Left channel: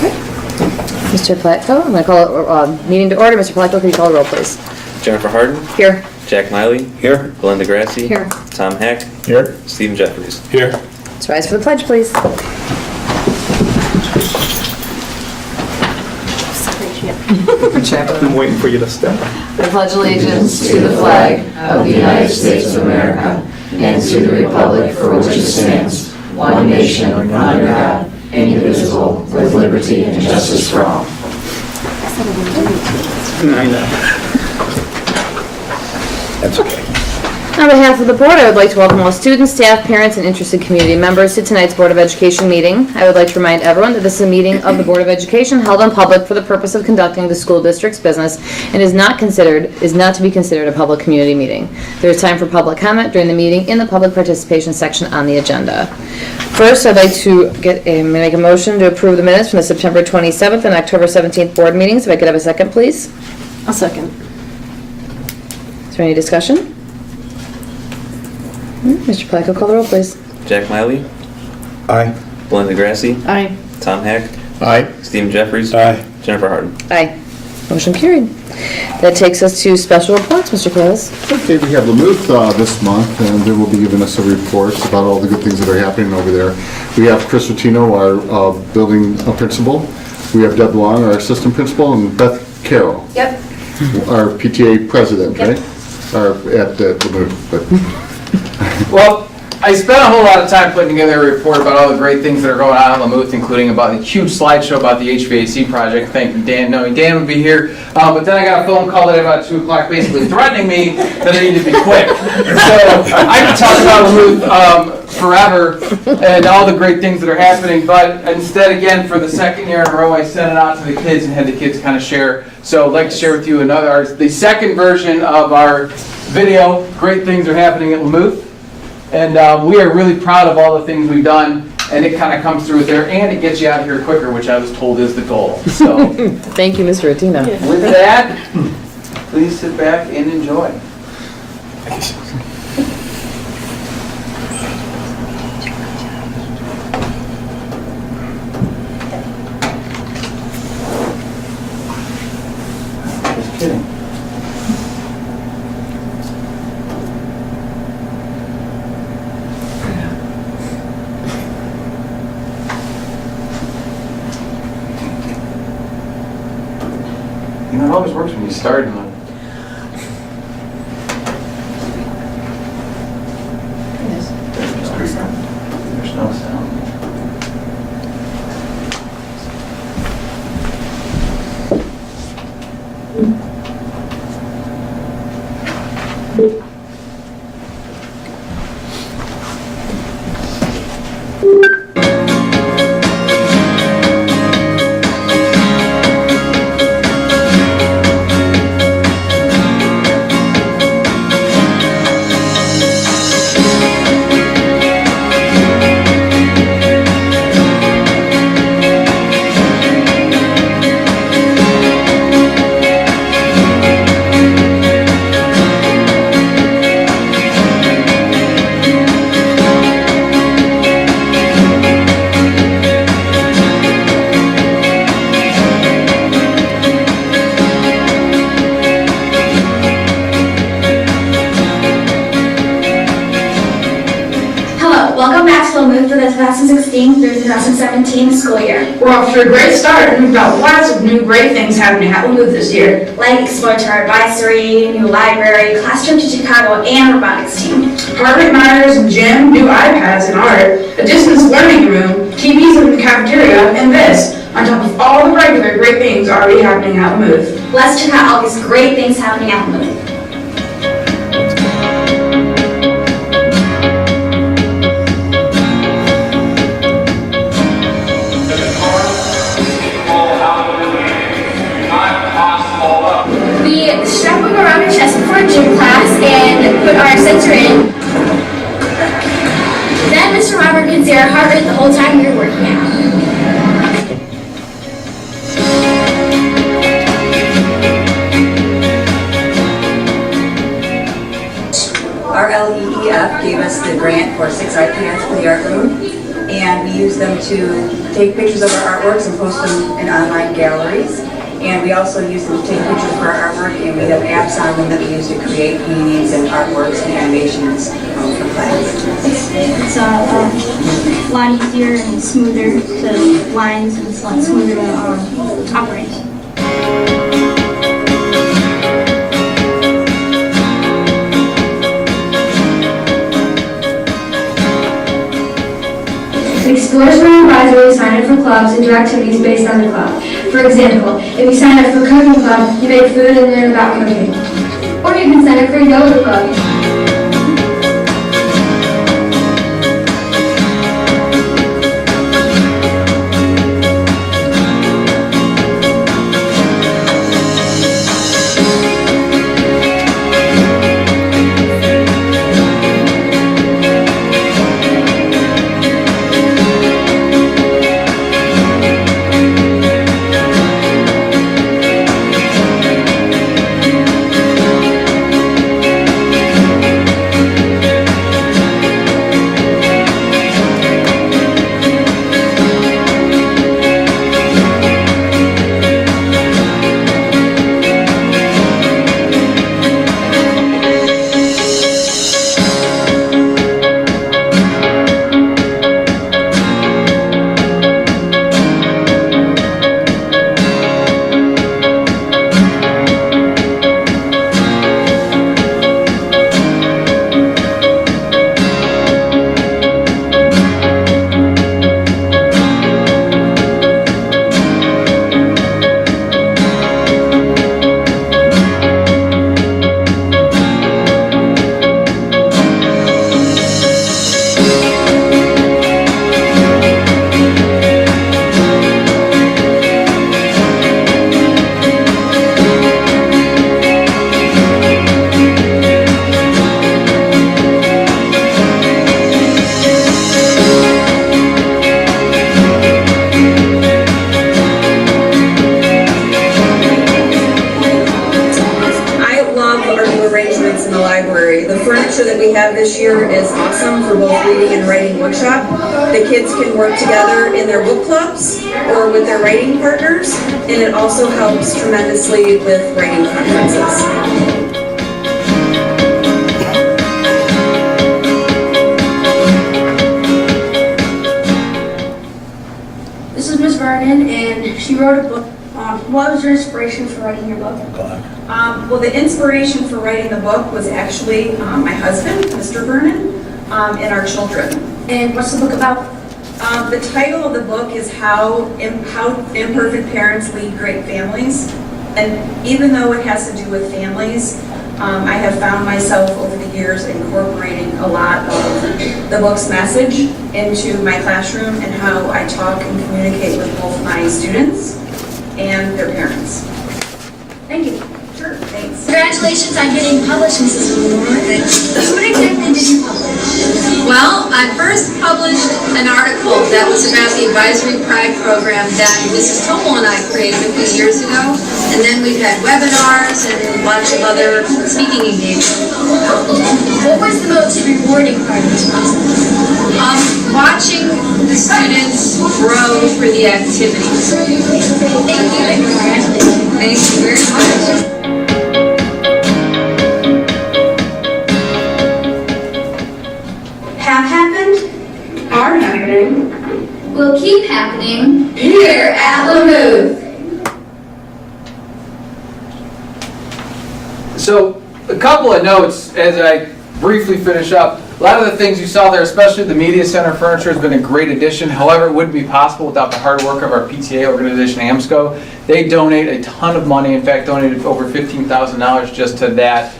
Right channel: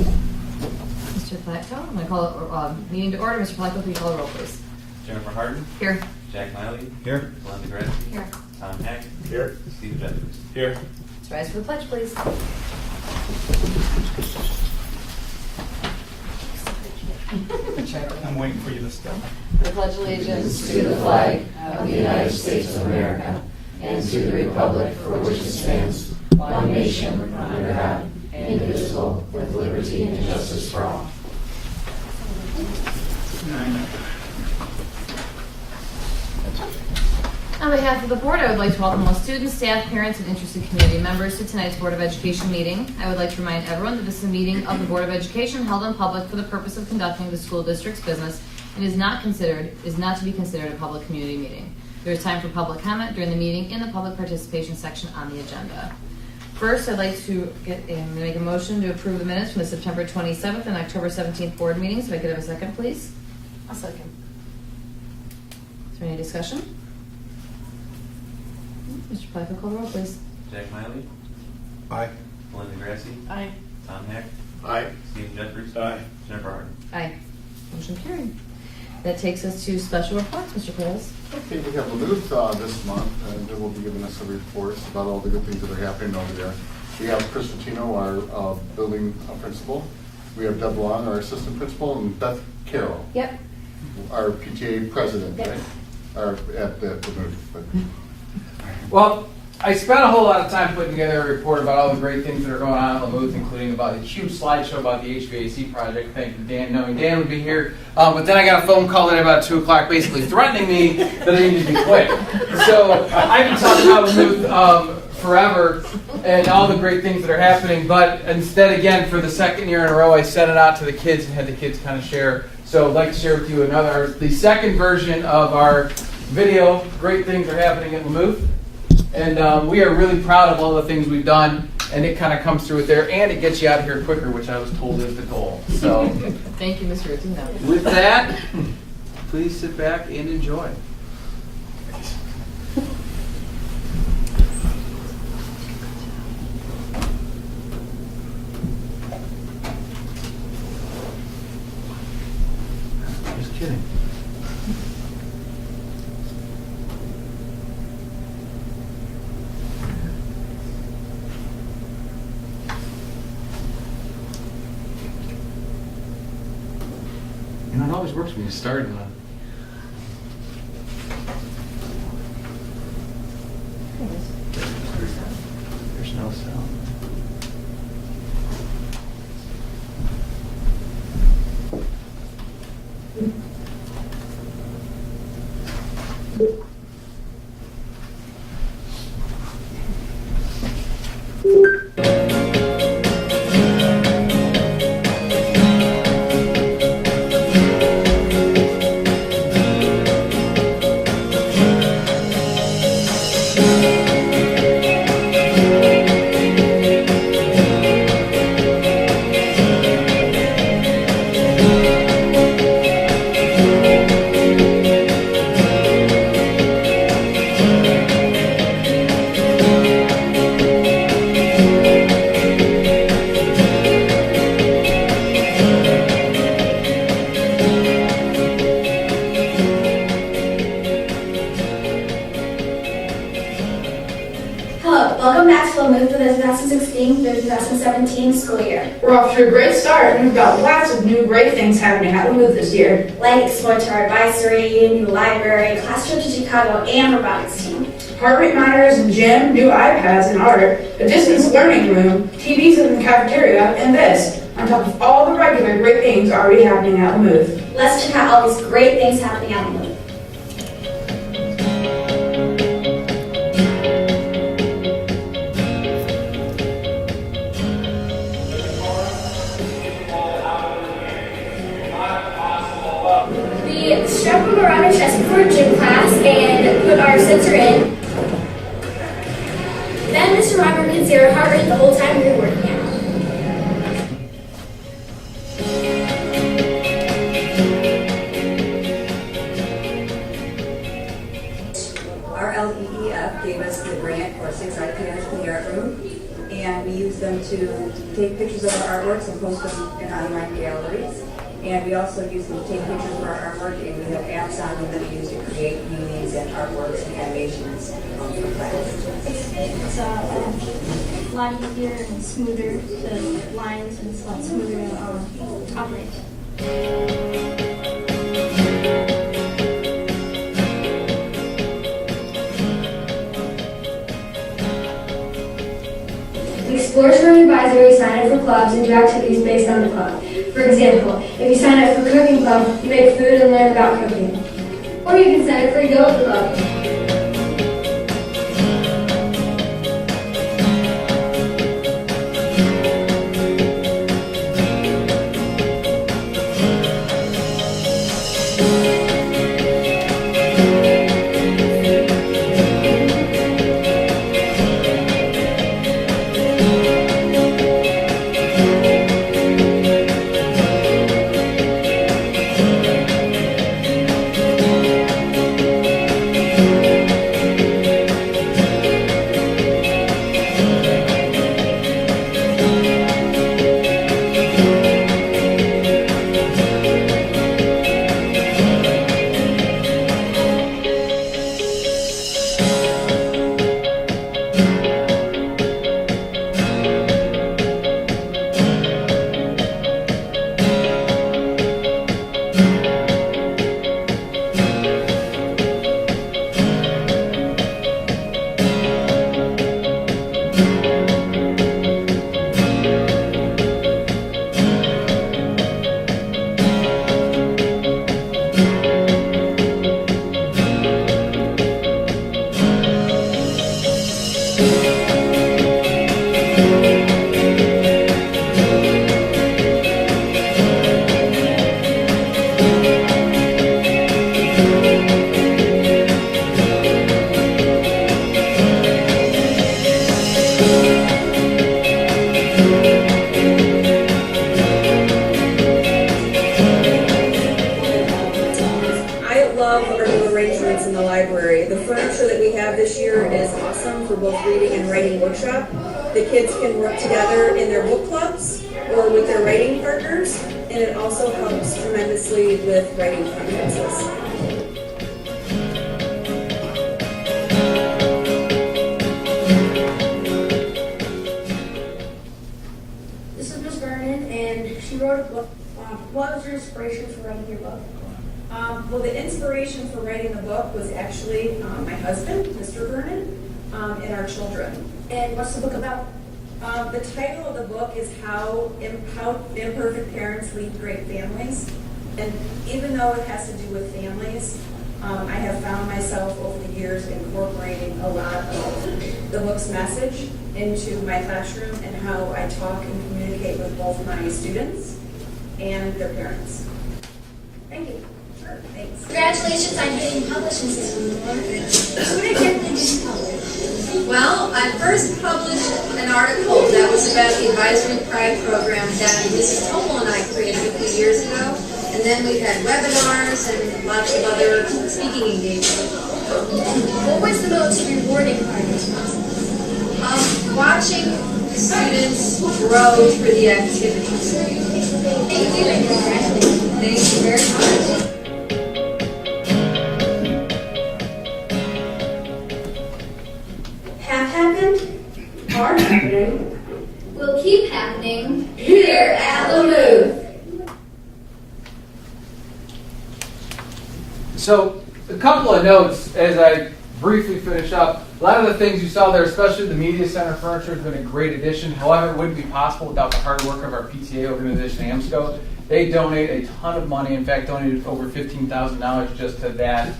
Mr. Platko, I'm going to call meeting to order. Mr. Platko, could you call the roll, please? Jennifer Harden. Here. Jack Miley. Here. Belinda Grassi. Here. Tom Heck. Here. Stephen Jeffries. Here. Let's rise for the pledge, please. I've been waiting for you to step. I pledge allegiance to the flag of the United States of America and to the republic for which it stands, one nation, under God, indivisible, with liberty and justice for all. I know. That's okay. On behalf of the board, I would like to welcome all students, staff, parents, and interested community members to tonight's Board of Education meeting. I would like to remind everyone that this is a meeting of the Board of Education held in public for the purpose of conducting the school district's business and is not to be considered a public community meeting. There is time for public comment during the meeting in the public participation section on the agenda. First, I'd like to make a motion to approve the minutes from the September 27th and October 17th board meetings. If I could have a second, please. I'll second. Is there any discussion? Mr. Placco, call the roll, please. Jack Miley. Aye. Belinda Grassi. Aye. Tom Heck. Aye. Stephen Jeffries. Aye. Jennifer Harden. Aye. Motion carried. That takes us to special reports, Mr. Perez. Okay, we have Lamuth this month, and they will be giving us a report about all the good things that are happening over there. We have Chris Rotino, our building principal. We have Deb Long, our assistant principal, and Beth Carroll. Yep. Our PTA president, Yep. right? At Lamuth. But Well, I spent a whole lot of time putting together a report about all the great things that are going on in Lamuth, including about the huge slideshow about the HVAC project. Thank you, Dan, knowing Dan would be here. But then I got a phone call at about 2 o'clock basically threatening me that I need to be quick. So I can talk about Lamuth forever and all the great things that are happening, but instead, again, for the second year in a row, I sent it out to the kids and had the kids kind of share. So I'd like to share with you the second version of our video, Great Things Are Happening at Lamuth. And we are really proud of all the things we've done, and it kind of comes through there, and it gets you out here quicker, which I was told is the goal. So Thank you, Mr. Rotino. with that, please sit back and enjoy. Just kidding. You know, it always works when you start and there's no sound. Welcome back to Lamuth for the 2016 through 2017 school year. We're off to a great start, and we've got lots of new great things happening at Lamuth this year. Like exploratory advisory, new library, classroom to Chicago, and robotics team. Heart rate monitors and gym, new iPads and art, a distance learning room, TVs in the cafeteria, and this, on top of all the regular great things already happening at Lamuth. Let's check out all these great things happening at Lamuth. We strap them around our chest before gym class and put our sensor in. Then Mr. Robert can see our heart rate the whole time we were working out. Our LEEF gave us the grant for 6 iPads for the art room, and we use them to take pictures of our artworks and post them in online galleries. And we also use them to take pictures for our artwork, and we have apps on them that we use to create paintings and artworks and animations for class. It's a lot easier and smoother to lines, and it's a lot smoother to operate. Explore Spring Advisory, sign up for clubs and do activities based on the club. For example, if you sign up for cooking club, you make food and learn about cooking. Or you can sign up for a yoga club. This year is awesome for both reading and writing workshop. The kids can work together in their book clubs or with their writing partners, and it also helps tremendously with writing conferences. This is Miss Vernon, and she wrote a book. What was your inspiration for writing your book? Well, the inspiration for writing the book was actually my husband, Mr. Vernon, and our children. And what's the book about? The title of the book is How Imperfect Parents Lead Great Families. And even though it has to do with families, I have found myself over the years incorporating a lot of the book's message into my classroom and how I talk and communicate with both my students and their parents. Thank you. Sure, thanks. Congratulations on getting published, Mrs. Moore. What exactly did you publish? Well, I first published an article that was about the Advisory Pride program that Mrs. Tomal and I created a few years ago. And then we've had webinars and a bunch of other speaking engagements. What was the most rewarding part of this process? Watching the students grow through the activities. Thank you and congratulations. Thank you very much. Have happened, are happening, Will keep happening here at Lamouth. So, a couple of notes as I briefly finish up. A lot of the things you saw there, especially the Media Center furniture, has been a great addition. However, it wouldn't be possible without the hard work of our PTA organization, AMSCO. They donate a ton of money, in fact, donated over $15,000 just to that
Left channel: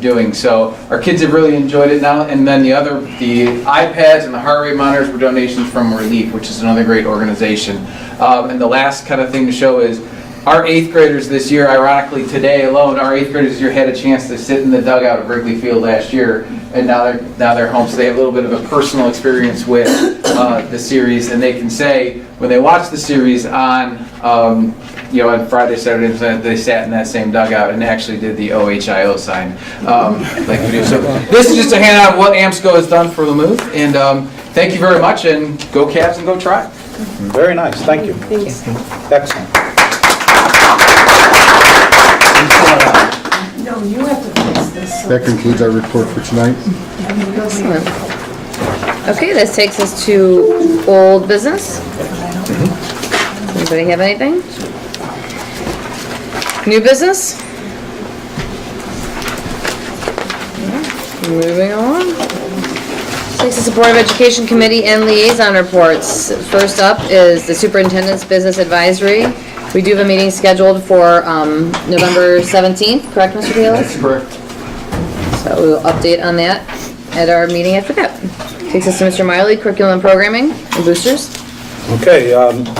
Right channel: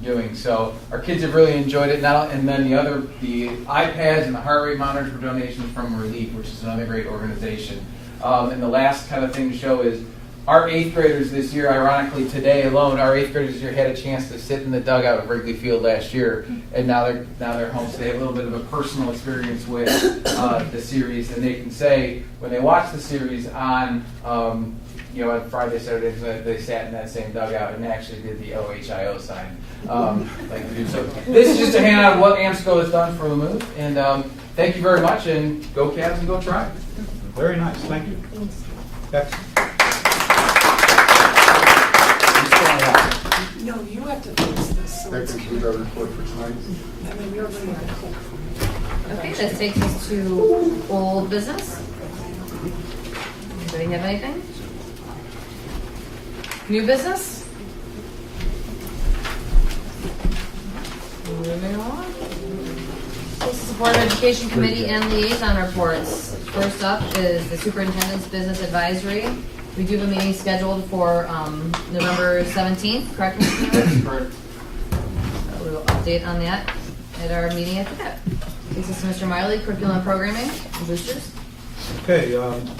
doing. So our kids have really enjoyed it now. And then the iPads and the heart rate monitors were donations from Relief, which is another great organization. And the last kind of thing to show is our 8th graders this year, ironically today alone, our 8th graders this year had a chance to sit in the dugout at Wrigley Field last year, and now they're home. So they have a little bit of a personal experience with the series, and they can say when they watch the series on on Friday, Saturday, and Sunday, they sat in that same dugout and actually did the OHIO sign like we do. So this is just a handout of what AMSCO has done for Lamouth, and thank you very much, and go Cavs and go Try. Very nice, thank you. Thanks. Excellent. No, you have to fix this. That concludes our report for tonight. Excellent. Okay, this takes us to old business. Does anybody have anything? New business? Moving on. Takes us to Board of Education Committee and Liaison Reports. First up is the Superintendent's Business Advisory. We do have a meeting scheduled for November 17th, correct, Mr. Bayless? Correct. So we'll update on that at our meeting after that. Takes us to Mr. Miley, Curriculum and Programming and Boosters. Okay,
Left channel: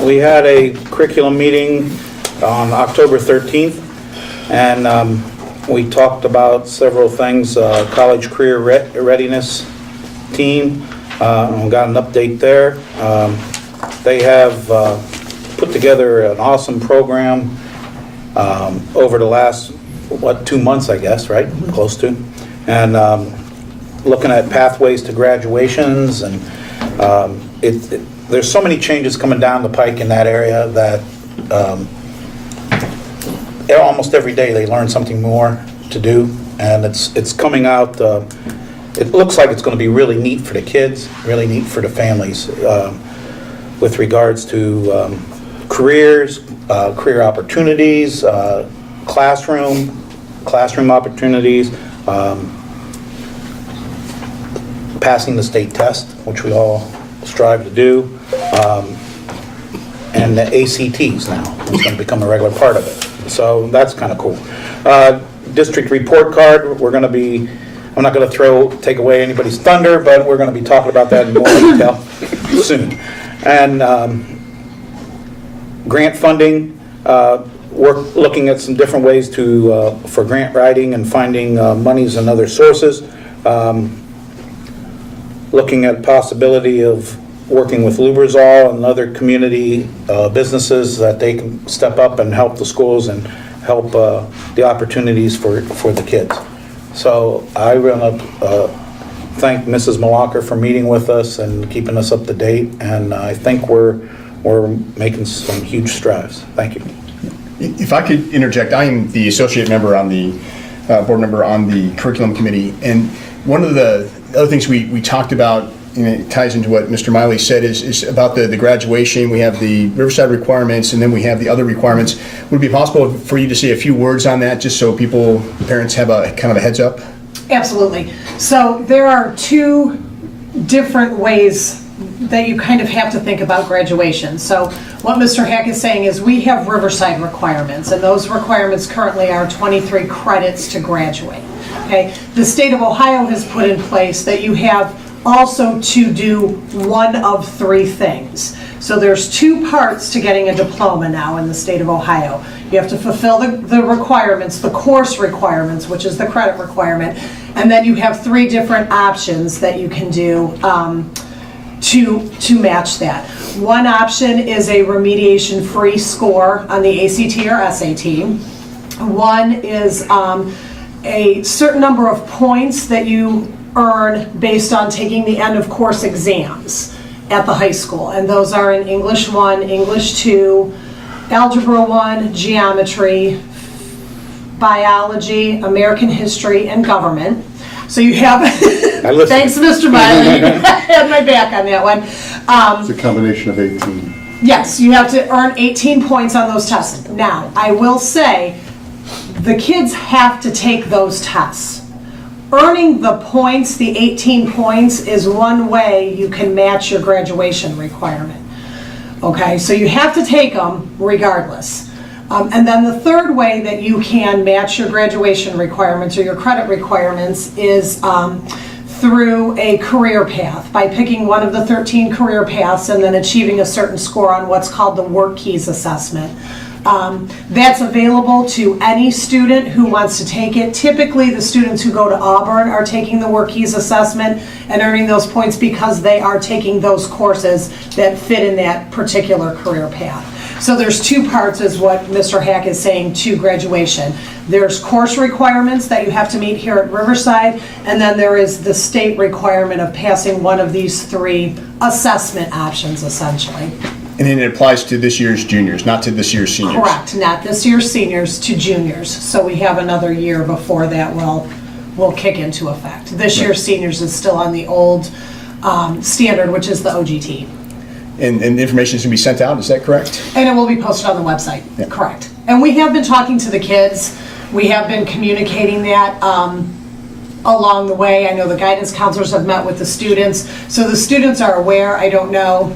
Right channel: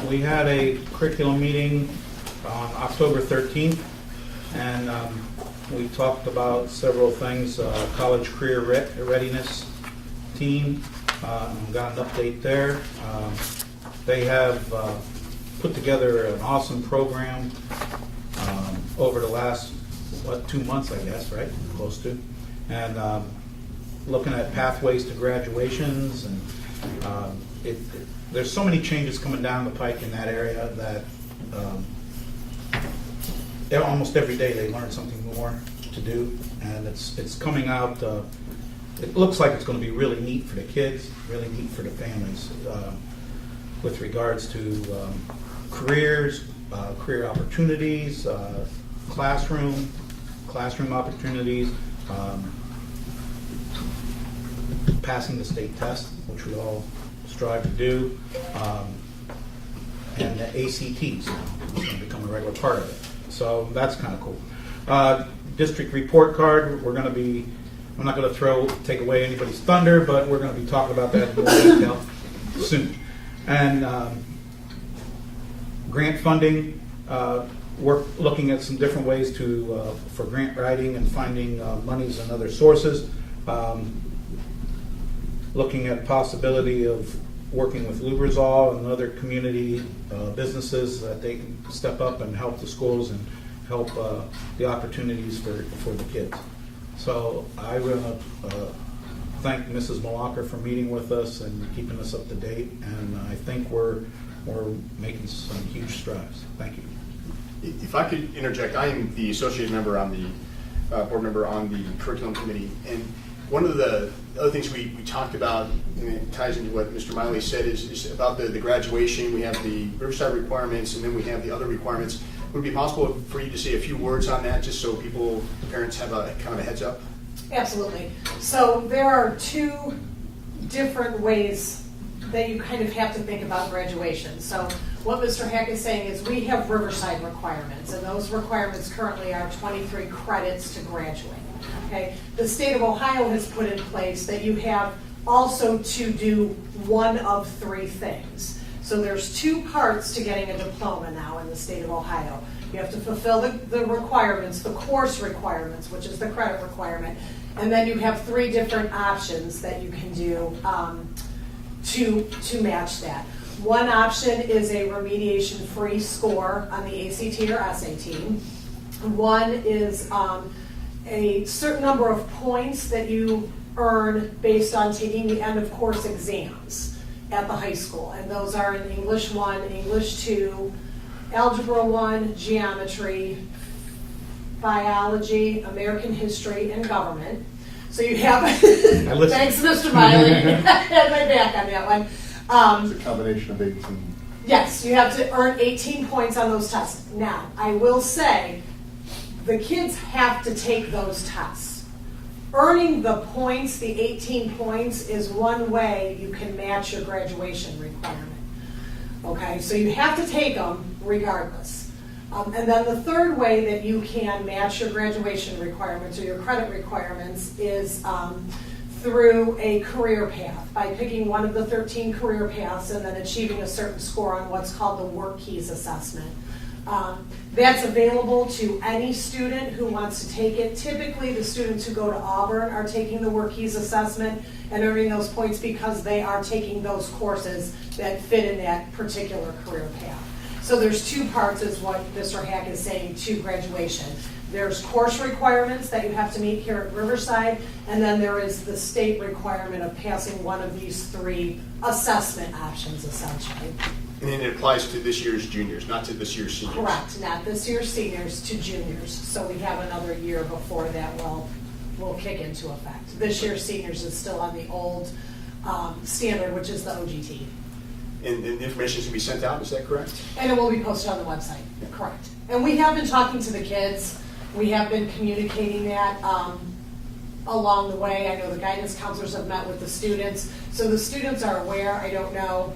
we had a curriculum meeting on October 13th, and we talked about several things, college career readiness team, and we got an update there. They have put together an awesome program over the last, 2 months, I guess, right? Close to. And looking at pathways to graduations, and there's so many changes coming down the pike in that area that almost every day they learn something more to do, and it's coming out. It looks like it's going to be really neat for the kids, really neat for the families, with regards to careers, career opportunities, classroom opportunities, passing the state test, which we all strive to do, and the ACTs now. It's going to become a regular part of it. So that's kind of cool. District report card, we're going to be, I'm not going to take away anybody's thunder, but we're going to be talking about that in more detail soon. And grant funding, we're looking at some different ways for grant writing and finding monies and other sources. Looking at possibility of working with Lubrizol and other community businesses that they can step up and help the schools and help the opportunities for the kids. So I want to thank Mrs. Malacher for meeting with us and keeping us up to date, and I think we're making some huge strides. Thank you. If I could interject, I am the associate member on the board member on the curriculum committee, and one of the other things we talked about, and it ties into what Mr. Miley said, is about the graduation. We have the Riverside requirements, and then we have the other requirements. Would it be possible for you to say a few words on that, just so parents have a kind of a heads up? Absolutely. So there are two different ways that you kind of have to think about graduation. So what Mr. Hack is saying is we have Riverside requirements, and those requirements currently are 23 credits to graduate. Okay. The state of Ohio has put in place that you have also to do one of three things. So there's two parts to getting a diploma now in the state of Ohio. You have to fulfill the requirements, the course requirements, which is the credit requirement, and then you have three different options that you can do to match that. One option is a remediation-free score on the ACT or SAT. One is a certain number of points that you earn based on taking the end of course exams at the high school, and those are in English 1, English 2, Algebra 1, Geometry, Biology, American History, and Government. So you have, thanks Mr. Miley, I had my back on that one. It's a combination of 18. Yes, you have to earn 18 points on those tests. Now, I will say, the kids have to take those tests. Earning the points, the 18 points, is one way you can match your graduation requirement. Okay, so you have to take them regardless. And then the third way that you can match your graduation requirements or your credit requirements is through a career path, by picking one of the 13 career paths and then achieving a certain score on what's called the Work Keys assessment. That's available to any student who wants to take it. Typically, the students who go to Auburn are taking the Work Keys assessment and earning those points because they are taking those courses that fit in that particular career path. So there's two parts, is what Mr. Hack is saying, to graduation. There's course requirements that you have to meet here at Riverside, and then there is the state requirement of passing one of these three assessment options, essentially. And then it applies to this year's juniors, not to this year's seniors? Correct, not this year's seniors to juniors. So we have another year before that will kick into effect. This year's seniors is still on the old standard, which is the OGT. And the information is going to be sent out, is that correct? And it will be posted on the website, correct. And we have been talking to the kids. We have been communicating that along the way. I know the guidance counselors have met with the students. So the students are aware. I don't know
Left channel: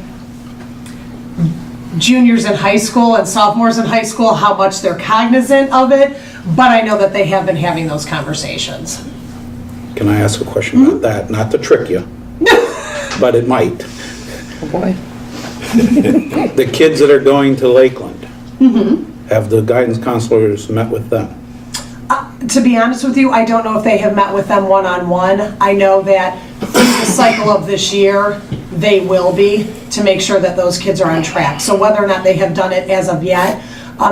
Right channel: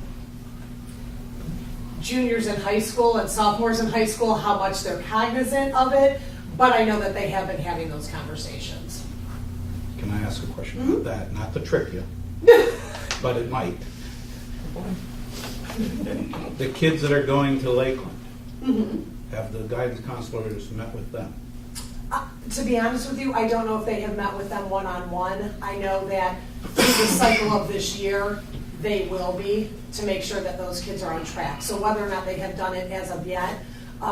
juniors in high school and sophomores in high school how much they're cognizant of it, but I know that they have been having those conversations. Can I ask a question about that? Not to trick you, but it might. Oh boy. The kids that are going to Lakeland, have the guidance counselors met with them? To be honest with you, I don't know if they have met with them one-on-one. I know that through the cycle of this year, they will be, to make sure that those kids are on track. So whether or not they have done it as of yet,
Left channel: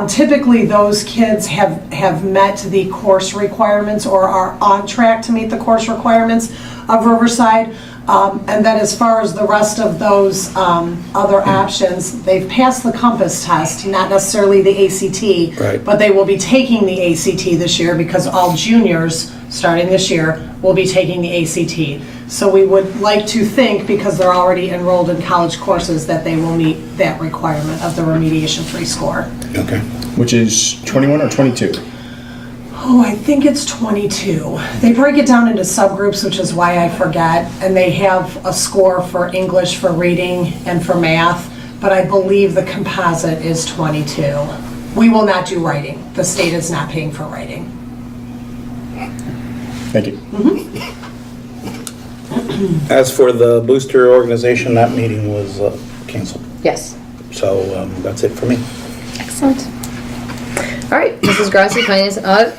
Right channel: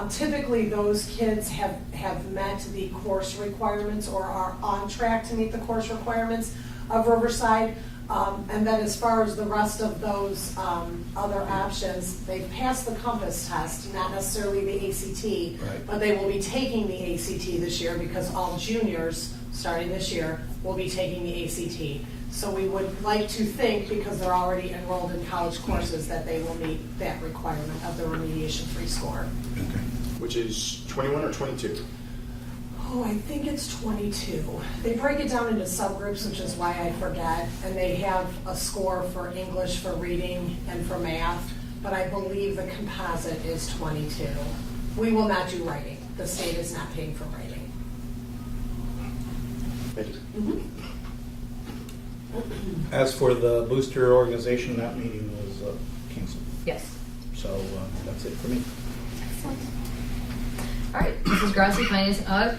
typically those kids have met the course requirements or are on track to meet the course requirements of Riverside. And then as far as the rest of those other options, they've passed the Compass test, not necessarily the ACT, Right. but they will be taking the ACT this year because all juniors, starting this year, will be taking the ACT. So we would like to think, because they're already enrolled in college courses, that they will meet that requirement of the remediation-free score. Okay. Which is 21 or 22? Oh, I think it's 22. They break it down into subgroups, which is why I forget, and they have a score for English, for reading, and for math, but I believe the composite is 22. We will not do writing. The state is not paying for writing. Thank you. As for the booster organization, that meeting was canceled. Yes. So that's it for me. Excellent. All right, Mrs. Grassi, Finance and Audit.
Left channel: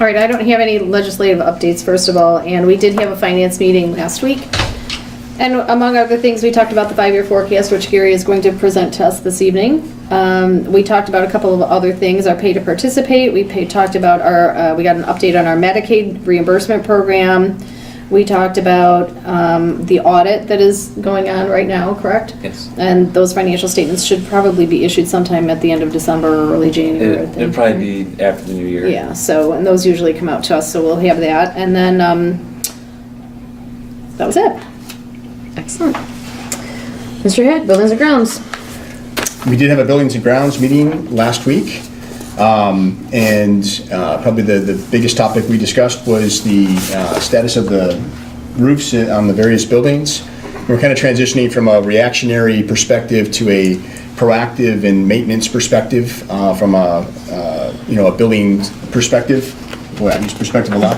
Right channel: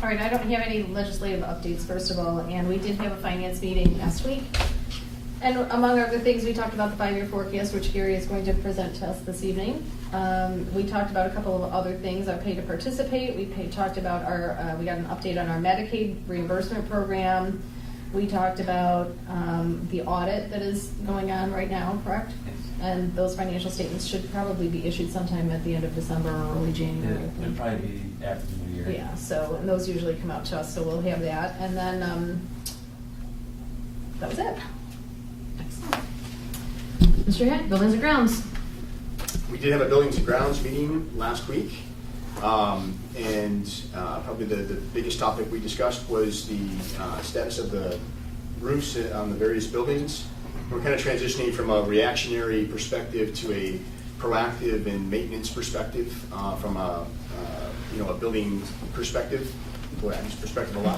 All right, I don't have any legislative updates, first of all, and we did have a finance meeting last week. And among other things, we talked about the 5-year forecast, which Gary is going to present to us this evening. We talked about a couple of other things, our pay to participate. We talked about our, we got an update on our Medicaid reimbursement program. We talked about the audit that is going on right now, correct? Yes. And those financial statements should probably be issued sometime at the end of December or early January. I think. It'll probably be after the new year. Yeah, so, and those usually come out to us, so we'll have that. And then, that was it. Excellent. Mr. Head, Buildings and Grounds. We did have a Buildings and Grounds meeting last week. Probably the biggest topic we discussed was the status of the roofs on the various buildings. We're kind of transitioning from a reactionary perspective to a proactive and maintenance perspective from a building perspective. Boy, I use perspective a lot.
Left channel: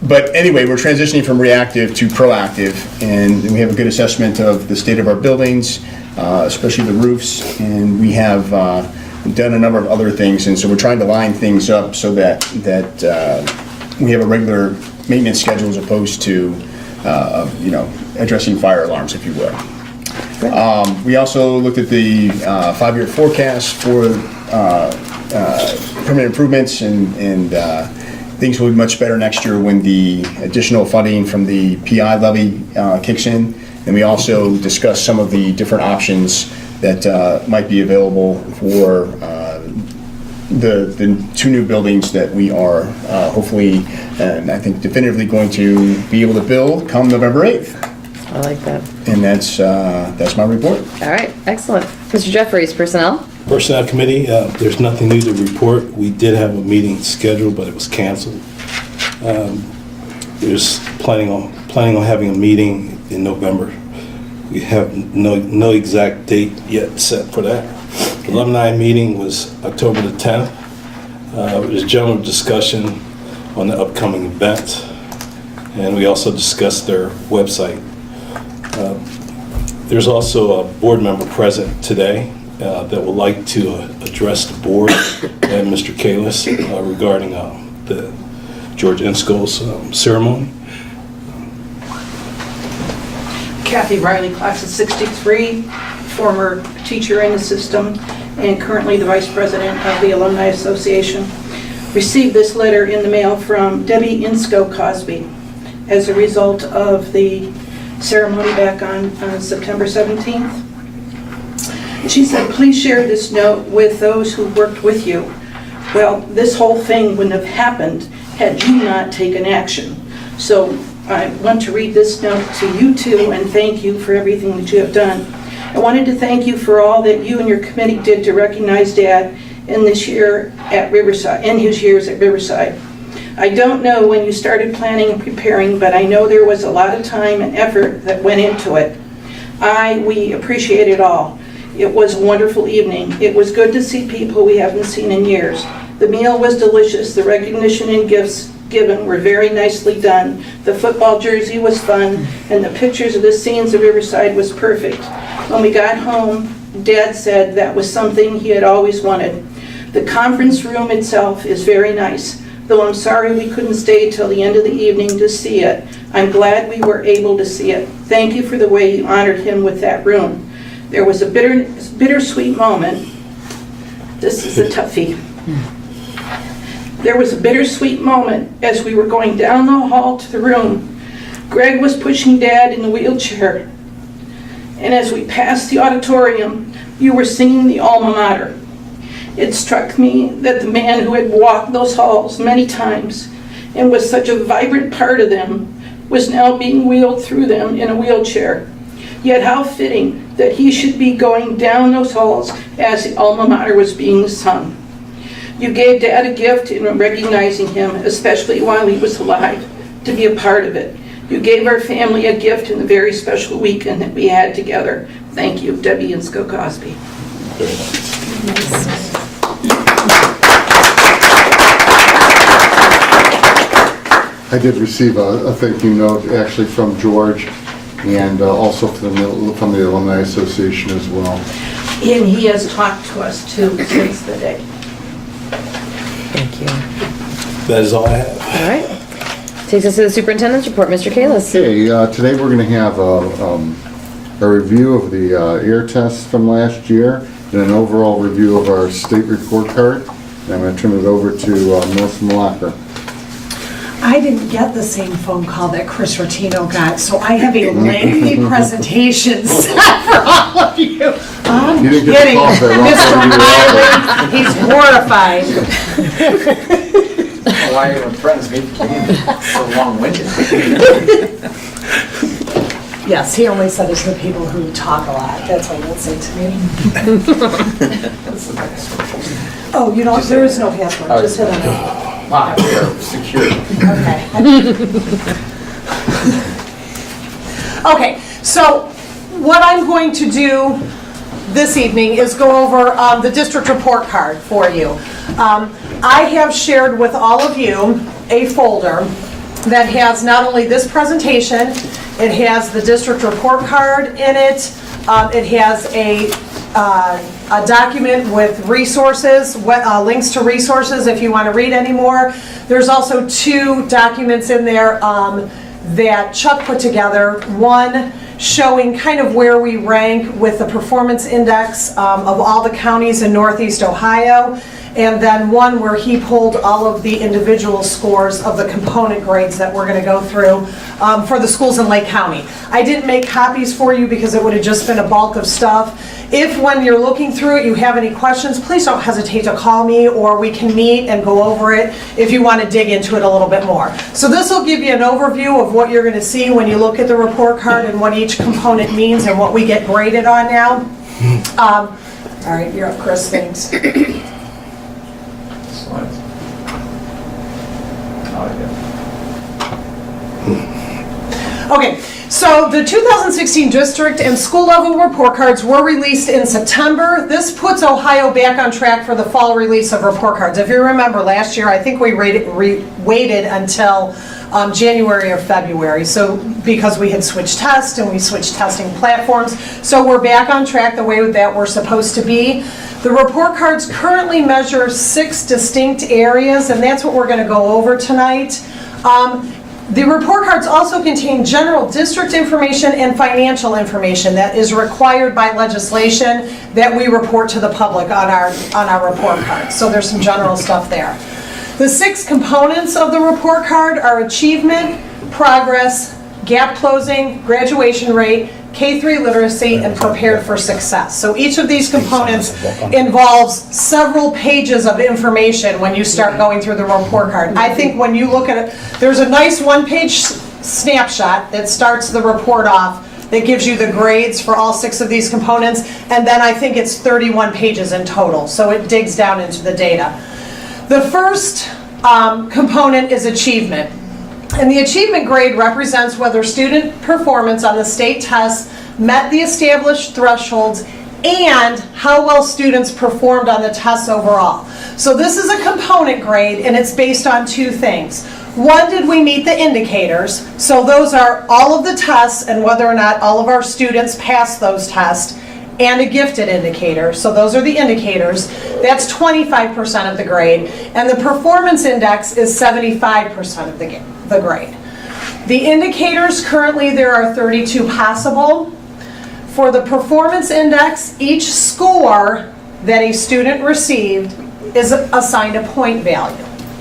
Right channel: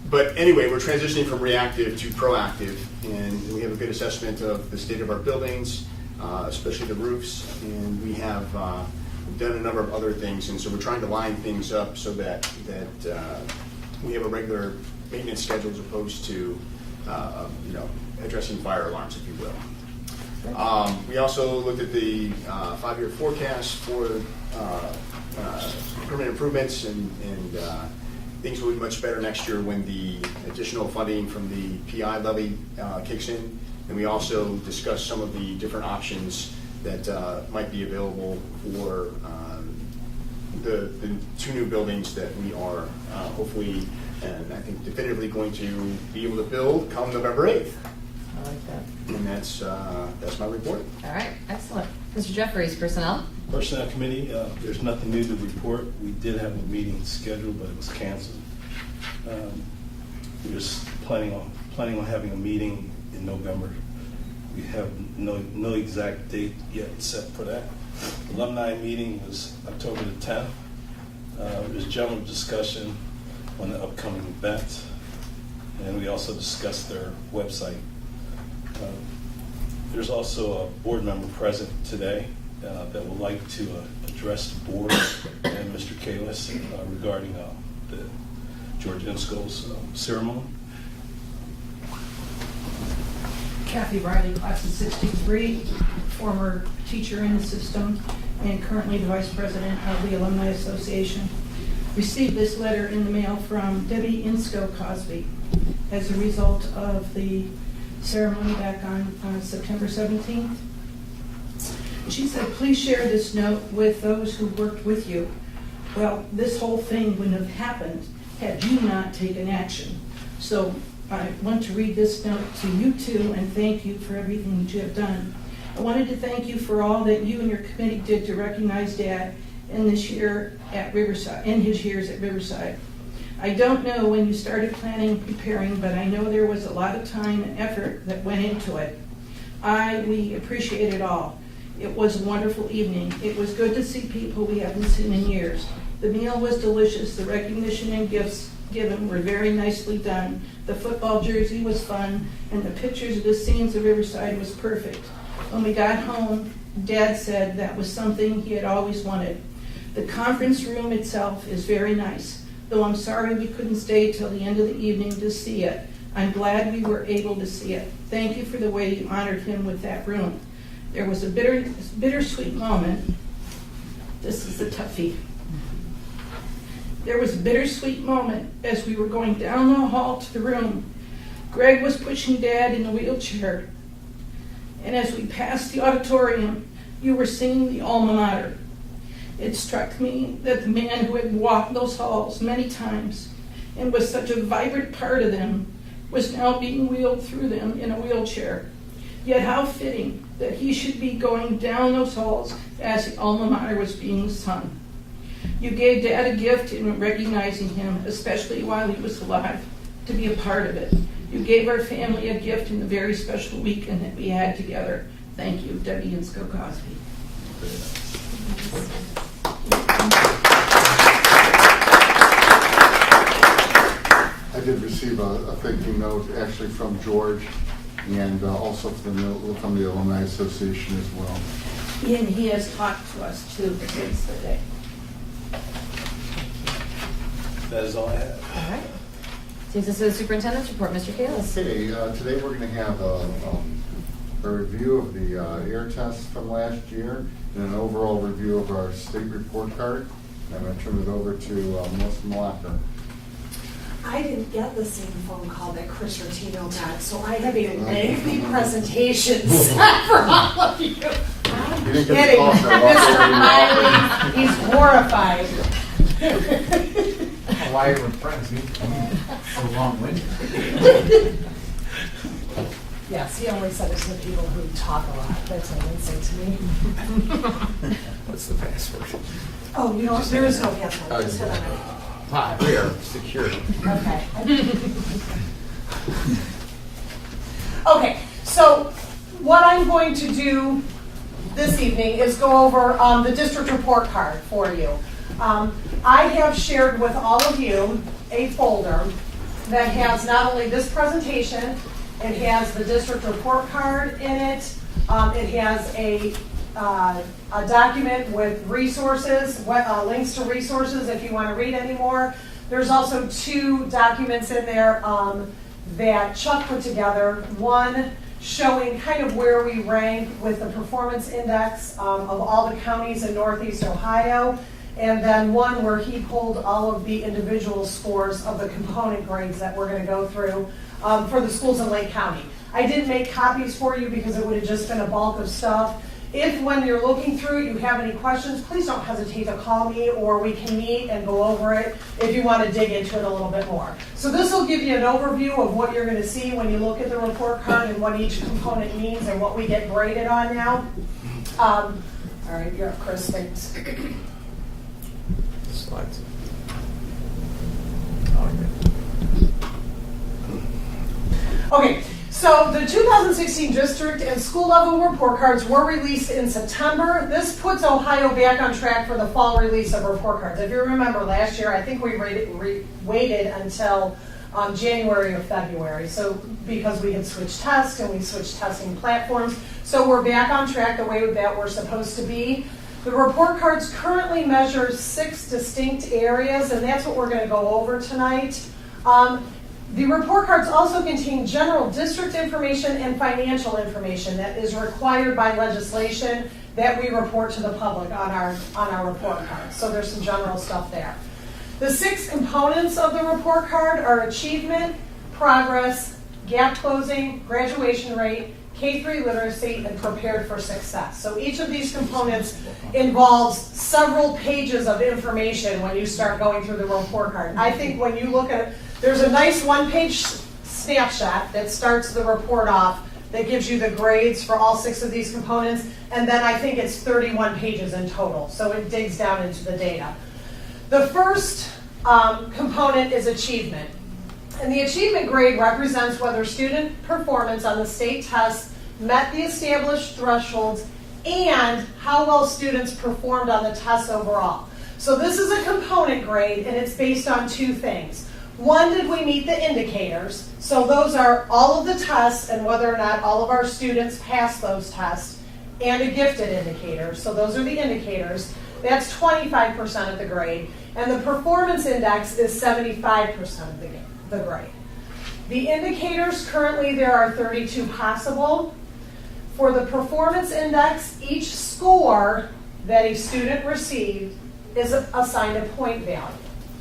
But anyway, we're transitioning from reactive to proactive, and we have a good assessment of the state of our buildings, especially the roofs, and we have done a number of other things, and so we're trying to line things up so that we have a regular maintenance schedule as opposed to addressing fire alarms, if you will. We also looked at the 5-year forecast for permanent improvements, and things will be much better next year when the additional funding from the PI levy kicks in. And we also discussed some of the different options that might be available for the 2 new buildings that we are hopefully, and I think definitively going to be able to build come November 8th. I like that. And that's my report. All right, excellent. Mr. Jeffries, Personnel. Personnel Committee, there's nothing new to report. We did have a meeting scheduled, but it was canceled. There's planning on having a meeting in November. We have no exact date yet set for that. Alumni meeting was October the 10th. It was general discussion on the upcoming events, and we also discussed their website. There's also a board member present today that would like to address the board and Mr. Kalis regarding the George Insko's ceremony. Kathy Riley, class of 63, former teacher in the system and currently the vice president of the Alumni Association. Received this letter in the mail from Debbie Insko Cosby as a result of the ceremony back on September 17th. She said, please share this note with those who worked with you. Well, this whole thing wouldn't have happened had you not taken action. So I want to read this note to you two and thank you for everything that you have done. I wanted to thank you for all that you and your committee did to recognize Dad in this year at Riverside, in his years at Riverside. I don't know when you started planning and preparing, but I know there was a lot of time and effort that went into it. We appreciate it all. It was a wonderful evening. It was good to see people we haven't seen in years. The meal was delicious. The recognition and gifts given were very nicely done. The football jersey was fun, and the pictures of the scenes of Riverside was perfect. When we got home, Dad said that was something he had always wanted. The conference room itself is very nice, though I'm sorry we couldn't stay till the end of the evening to see it. I'm glad we were able to see it. Thank you for the way you honored him with that room. There was a bittersweet moment. This is a toughie. There was a bittersweet moment as we were going down the hall to the room. Greg was pushing Dad in the wheelchair. And as we passed the auditorium, you were singing the alma mater. It struck me that the man who had walked those halls many times and was such a vibrant part of them was now being wheeled through them in a wheelchair. Yet how fitting that he should be going down those halls as the alma mater was being sung. You gave Dad a gift in recognizing him, especially while he was alive, to be a part of it. You gave our family a gift in the very special weekend that we had together. Thank you, Debbie and Sco Cosby. I did receive a thank you note actually from George and also from the Alumni Association as well. And he has talked to us too since the day. Thank you. That is all I have. All right. Takes us to the superintendent's report, Mr. Kalis. Okay, today we're going to have a review of the air tests from last year and an overall review of our state report card. And I'm going to turn it over to Melissa Malacca. I didn't get the same phone call that Chris Rotino got, so I have a lengthy presentation set for all of you. I'm You didn't get the kidding. call for Mr. Miley, he's horrified. Why are you friends? Maybe so long-winded. Yes, he only said it to the people who talk a lot. That's what he'll say to me. What's the password? Oh, you know, there is no password. Oh, Just hit on it. Wow, we are secure. Okay. Okay, so what I'm going to do this evening is go over the district report card for you. I have shared with all of you a folder that has not only this presentation, it has the district report card in it, it has a document with resources, links to resources if you want to read any more. There's also 2 documents in there that Chuck put together. One showing kind of where we rank with the performance index of all the counties in Northeast Ohio, and then one where he pulled all of the individual scores of the component grades that we're going to go through for the schools in Lake County. I didn't make copies for you because it would have just been a bulk of stuff. If when you're looking through it you have any questions, please don't hesitate to call me, or we can meet and go over it if you want to dig into it a little bit more. So this will give you an overview of what you're going to see when you look at the report card and what each component means and what we get graded on now. All right, you're up, Chris. Thanks. Slides. Okay, so the 2016 district and school level report cards were released in September. This puts Ohio back on track for the fall release of report cards. If you remember last year, I think we waited until January or February, so because we had switched tests and we switched testing platforms. So we're back on track the way that we're supposed to be. The report cards currently measure 6 distinct areas, and that's what we're going to go over tonight. The report cards also contain general district information and financial information that is required by legislation that we report to the public on our report cards. So there's some general stuff there. The 6 components of the report card are achievement, progress, gap closing, graduation rate, K-3 literacy, and prepared for success. So each of these components involves several pages of information when you start going through the report card. I think when you look at it, there's a nice one-page snapshot that starts the report off that gives you the grades for all 6 of these components, and then I think it's 31 pages in total, so it digs down into the data. The first component is achievement. And the achievement grade represents whether student performance on the state tests met the established thresholds and how well students performed on the tests overall. So this is a component grade, and it's based on 2 things. One, did we meet the indicators? So those are all of the tests and whether or not all of our students passed those tests, and a gifted indicator. So those are the indicators. That's 25% of the grade. And the performance index is 75% of the grade. The indicators, currently there are 32 possible. For the performance index, each score that a student received is assigned a point value.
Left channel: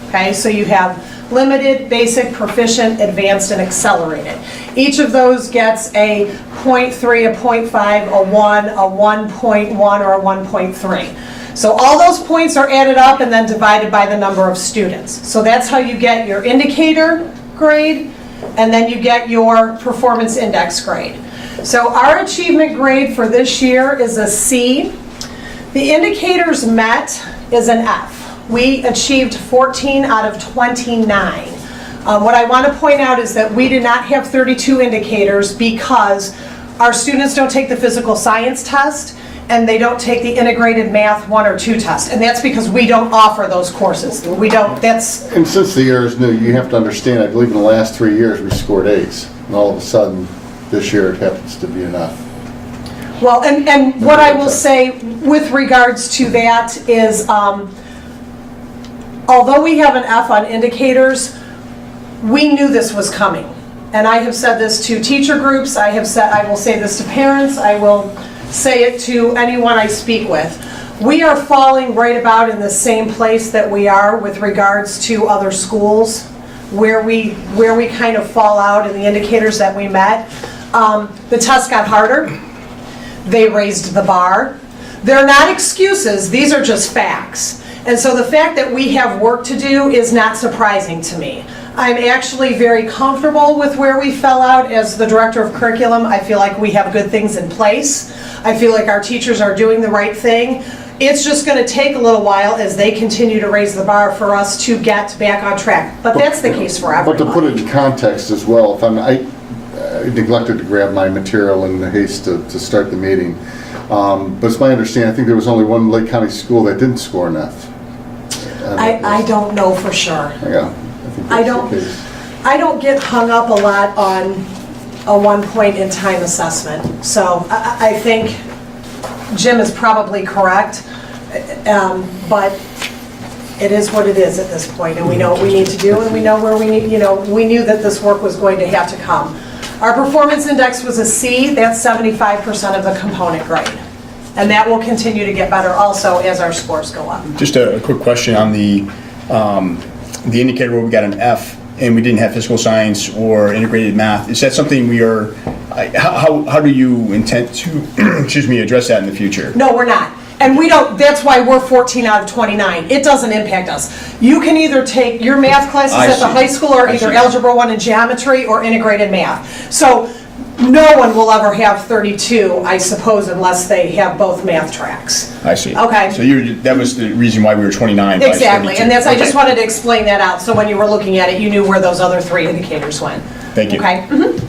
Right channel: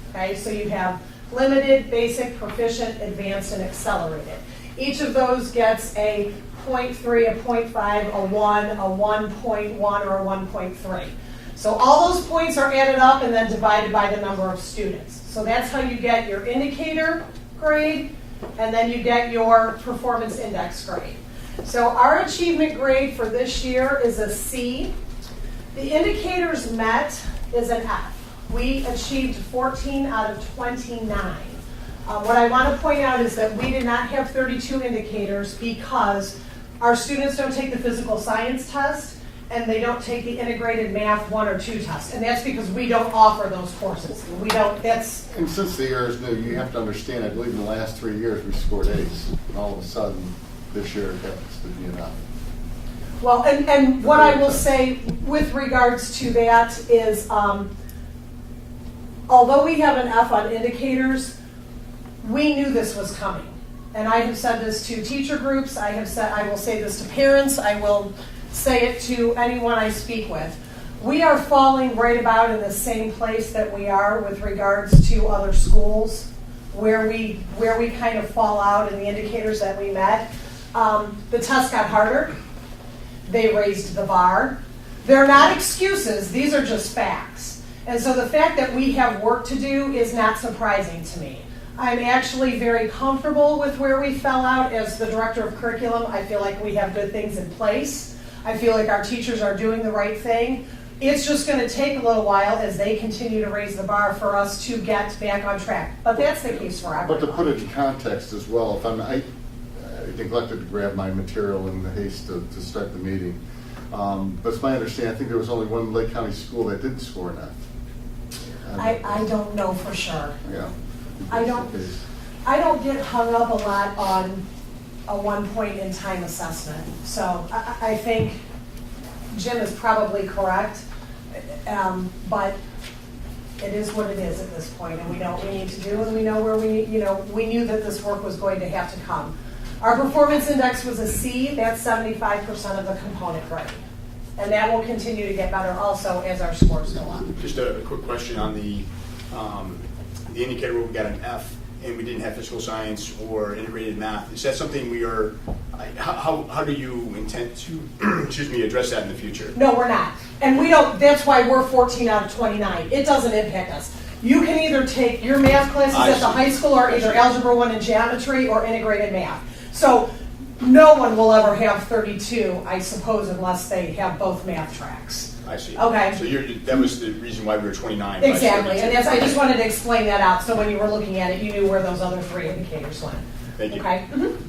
Okay, so you have limited, basic, proficient, advanced, and accelerated. Each of those gets a 0.3, a 0.5, a 1, a 1.1, or a 1.3. So all those points are added up and then divided by the number of students. So that's how you get your indicator grade, and then you get your performance index grade. So our achievement grade for this year is a C. The indicators met is an F. We achieved 14 out of 29. What I want to point out is that we did not have 32 indicators because our students don't take the physical science test and they don't take the integrated math 1 or 2 test. And that's because we don't offer those courses. We don't, that's... And since the year is new, you have to understand, I believe in the last 3 years we scored A's. And all of a sudden, this year it happens to be an F. Well, and what I will say with regards to that is, although we have an F on indicators, we knew this was coming. And I have said this to teacher groups, I will say this to parents, I will say it to anyone I speak with. We are falling right about in the same place that we are with regards to other schools, where we kind of fall out in the indicators that we met. The test got harder. They raised the bar. They're not excuses, these are just facts. And so the fact that we have work to do is not surprising to me. I'm actually very comfortable with where we fell out as the director of curriculum. I feel like we have good things in place. I feel like our teachers are doing the right thing. It's just going to take a little while as they continue to raise the bar for us to get back on track. But that's the case for everybody. But to put it in context as well, if I neglected to grab my material in the haste to start the meeting. But it's my understanding, I think there was only one Lake County school that didn't score an F. I don't know for sure. Yeah, I don't get hung up a lot on a 1 point in time assessment. So I think Jim is probably correct, but it is what it is at this point, and we know what we need to do, and we know where we need, we knew that this work was going to have to come. Our performance index was a C. That's 75% of the component grade. And that will continue to get better also as our scores go up. Just a quick question on the indicator where we got an F and we didn't have physical science or integrated math. Is that something we are, how do you intend to, address that in the future? No, we're not. And we don't, that's why we're 14 out of 29. It doesn't impact us. You can either take your math classes at the high school or either Algebra 1 and Geometry or integrated math. So no one will ever have 32, I suppose, unless they have both math tracks. I see. Okay. So that was the reason why we were 29. Exactly, and that's, I just wanted to explain that out, so when you were looking at it, you knew where those other 3 indicators went. Thank you. Okay. Mm-hmm.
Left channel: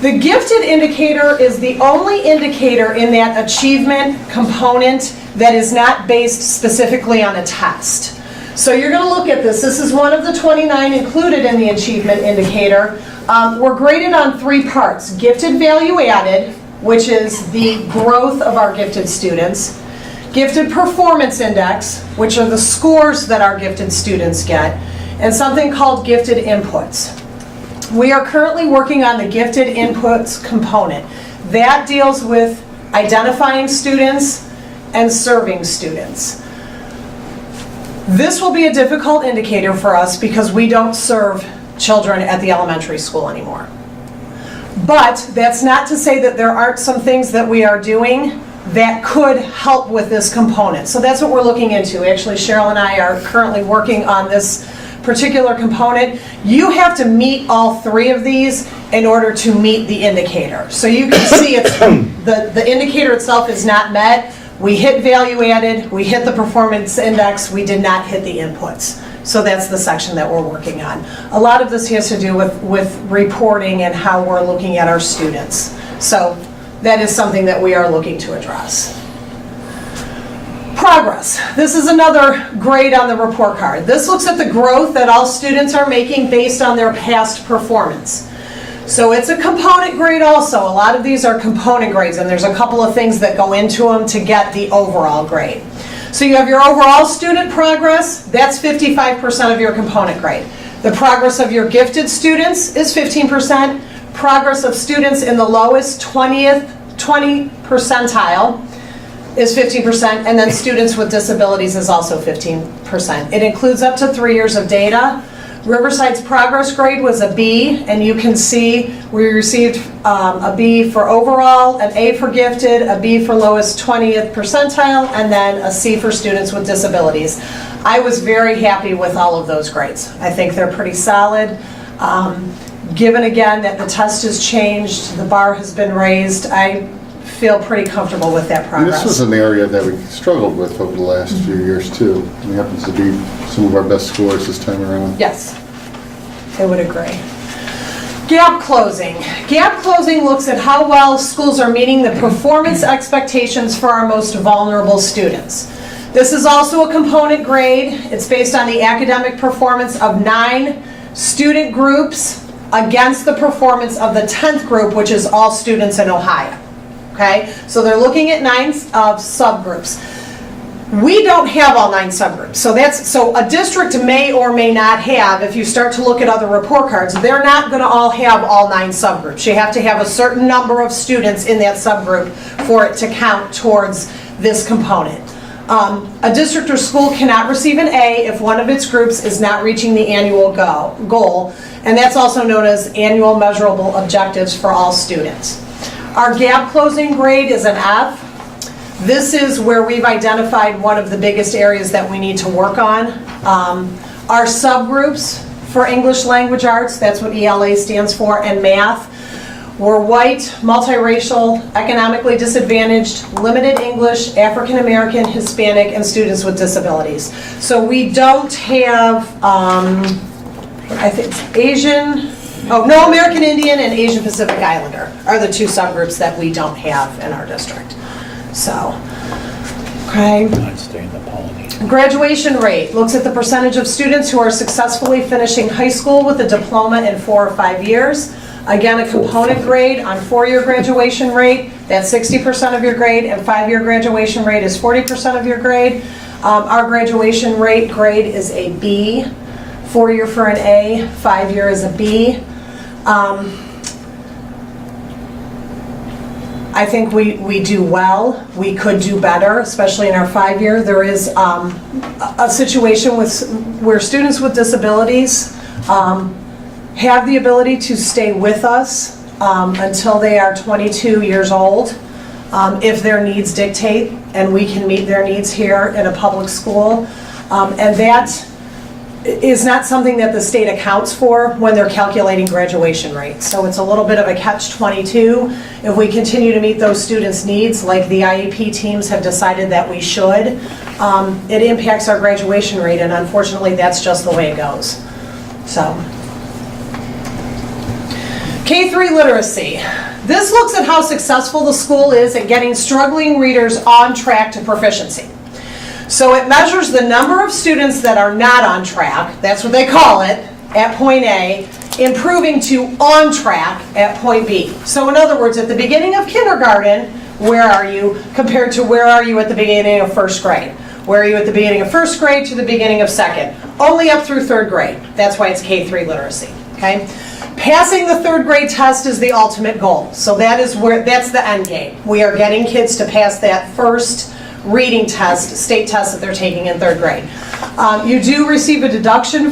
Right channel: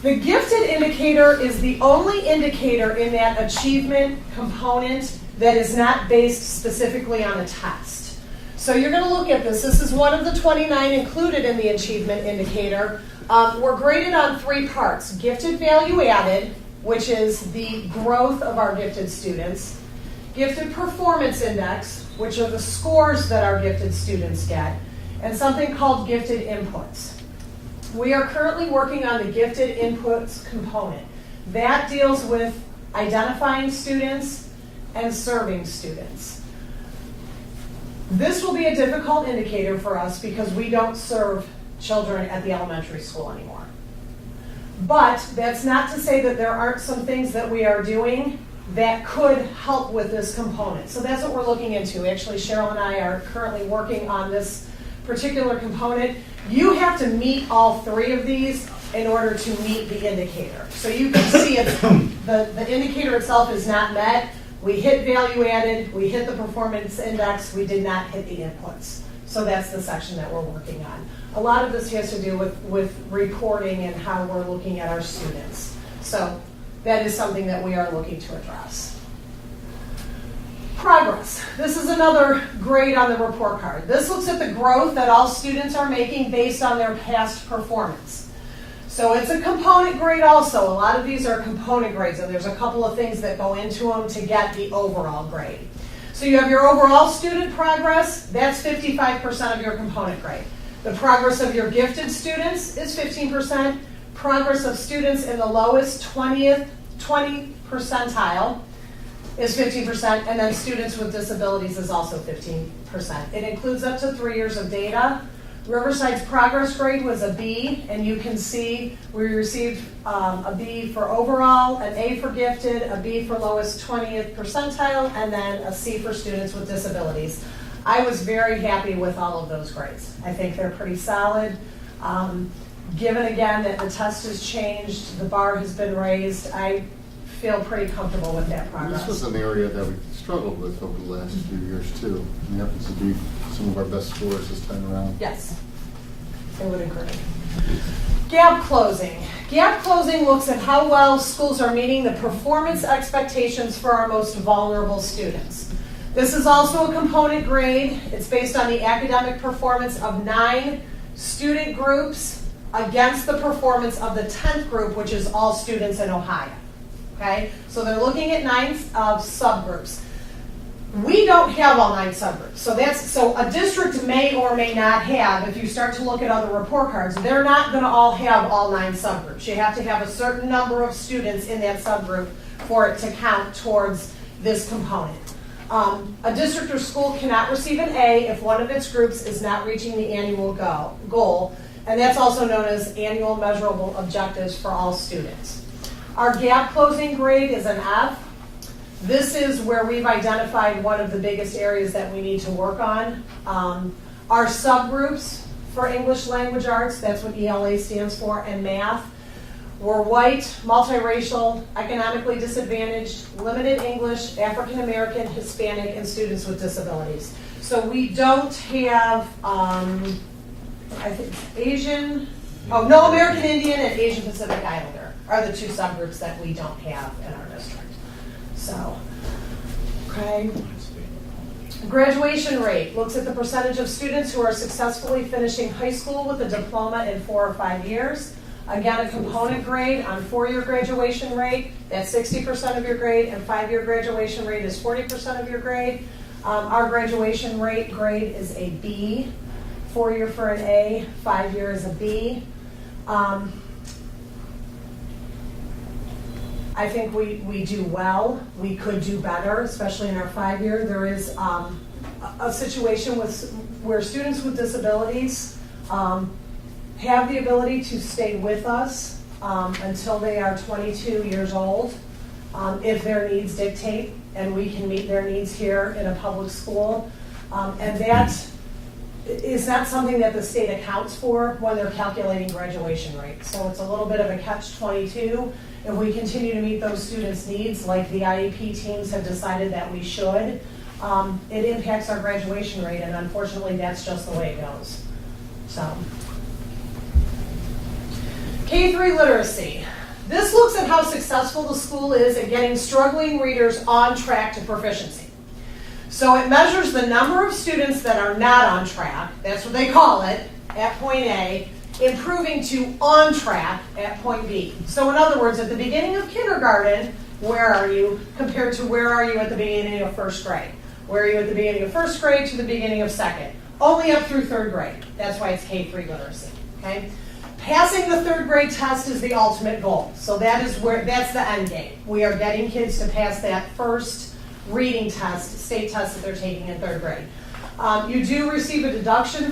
The gifted indicator is the only indicator in that achievement component that is not based specifically on a test. So you're going to look at this. This is one of the 29 included in the achievement indicator. We're graded on 3 parts. Gifted value added, which is the growth of our gifted students. Gifted performance index, which are the scores that our gifted students get. And something called gifted inputs. We are currently working on the gifted inputs component. That deals with identifying students and serving students. This will be a difficult indicator for us because we don't serve children at the elementary school anymore. But that's not to say that there aren't some things that we are doing that could help with this component. So that's what we're looking into. Actually, Cheryl and I are currently working on this particular component. You have to meet all three of these in order to meet the indicator. So you can see it's, the indicator itself is not met. We hit value added, we hit the performance index, we did not hit the inputs. So that's the section that we're working on. A lot of this has to do with reporting and how we're looking at our students. So that is something that we are looking to address. Progress. This is another grade on the report card. This looks at the growth that all students are making based on their past performance. So it's a component grade also. A lot of these are component grades, and there's a couple of things that go into them to get the overall grade. So you have your overall student progress, that's 55% of your component grade. The progress of your gifted students is 15%. Progress of students in the lowest 20 percentile is 15%, and then students with disabilities is also 15%. It includes up to 3 years of data. Riverside's progress grade was a B, and you can see we received a B for overall, an A for gifted, a B for lowest 20th percentile, and then a C for students with disabilities. I was very happy with all of those grades. I think they're pretty solid. Given again that the test has changed, the bar has been raised, I feel pretty comfortable with that And progress. this was an area that we struggled with over the last few years too. It happens to be some of our best scores this time around. Yes, I would agree. Gap closing. Gap closing looks at how well schools are meeting the performance expectations for our most vulnerable students. This is also a component grade. It's based on the academic performance of 9 student groups against the performance of the 10th group, which is all students in Ohio. Okay, so they're looking at 9 subgroups. We don't have all 9 subgroups, so a district may or may not have, if you start to look at other report cards, they're not going to all have all 9 subgroups. You have to have a certain number of students in that subgroup for it to count towards this component. A district or school cannot receive an A if one of its groups is not reaching the annual goal, and that's also known as annual measurable objectives for all students. Our gap closing grade is an F. This is where we've identified one of the biggest areas that we need to work on. Our subgroups for English language arts, that's what ELA stands for, and math, were white, multiracial, economically disadvantaged, limited English, African American, Hispanic, and students with disabilities. So we don't have, I think it's Asian, no, American Indian and Asian Pacific Islander are the 2 subgroups that we don't have in our district. So, okay. Graduation rate looks at the percentage of students who are successfully finishing high school with a diploma in 4 or 5 years. Again, a component grade on 4-year graduation rate, that's 60% of your grade, and 5-year graduation rate is 40% of your grade. Our graduation rate grade is a B, 4-year for an A, 5-year is a B. I think we do well. We could do better, especially in our 5-year. There is a situation where students with disabilities have the ability to stay with us until they are 22 years old if their needs dictate, and we can meet their needs here in a public school. And that is not something that the state accounts for when they're calculating graduation rates. So it's a little bit of a catch-22. If we continue to meet those students' needs, like the IEP teams have decided that we should, it impacts our graduation rate, and unfortunately that's just the way it goes. So, K-3 literacy. This looks at how successful the school is at getting struggling readers on track to proficiency. So it measures the number of students that are not on track, that's what they call it, at point A, improving to on track at point B. So in other words, at the beginning of kindergarten, where are you compared to where are you at the beginning of 1st grade? Where are you at the beginning of 1st grade to the beginning of 2nd? Only up through 3rd grade. That's why it's K-3 literacy, okay? Passing the 3rd grade test is the ultimate goal. So that's the end game. We are getting kids to pass that first reading test, state test that they're taking in 3rd grade. You do receive a deduction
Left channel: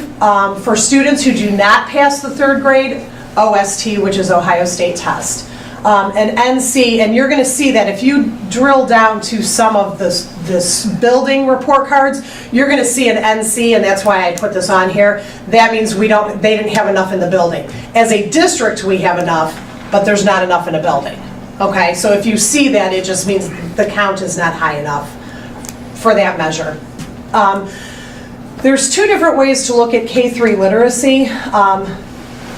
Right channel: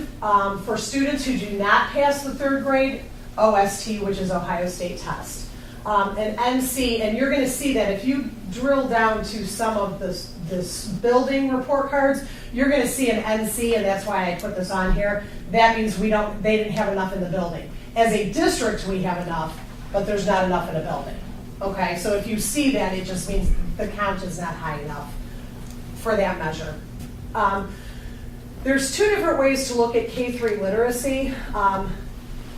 for students who do not pass the 3rd grade OST, which is Ohio State Test. And NC, and you're going to see that if you drill down to some of this building report cards, you're going to see an NC, and that's why I put this on here. That means they didn't have enough in the building. As a district, we have enough, but there's not enough in a building. Okay, so if you see that, it just means the count is not high enough for that measure. There's two different ways to look at K-3 literacy.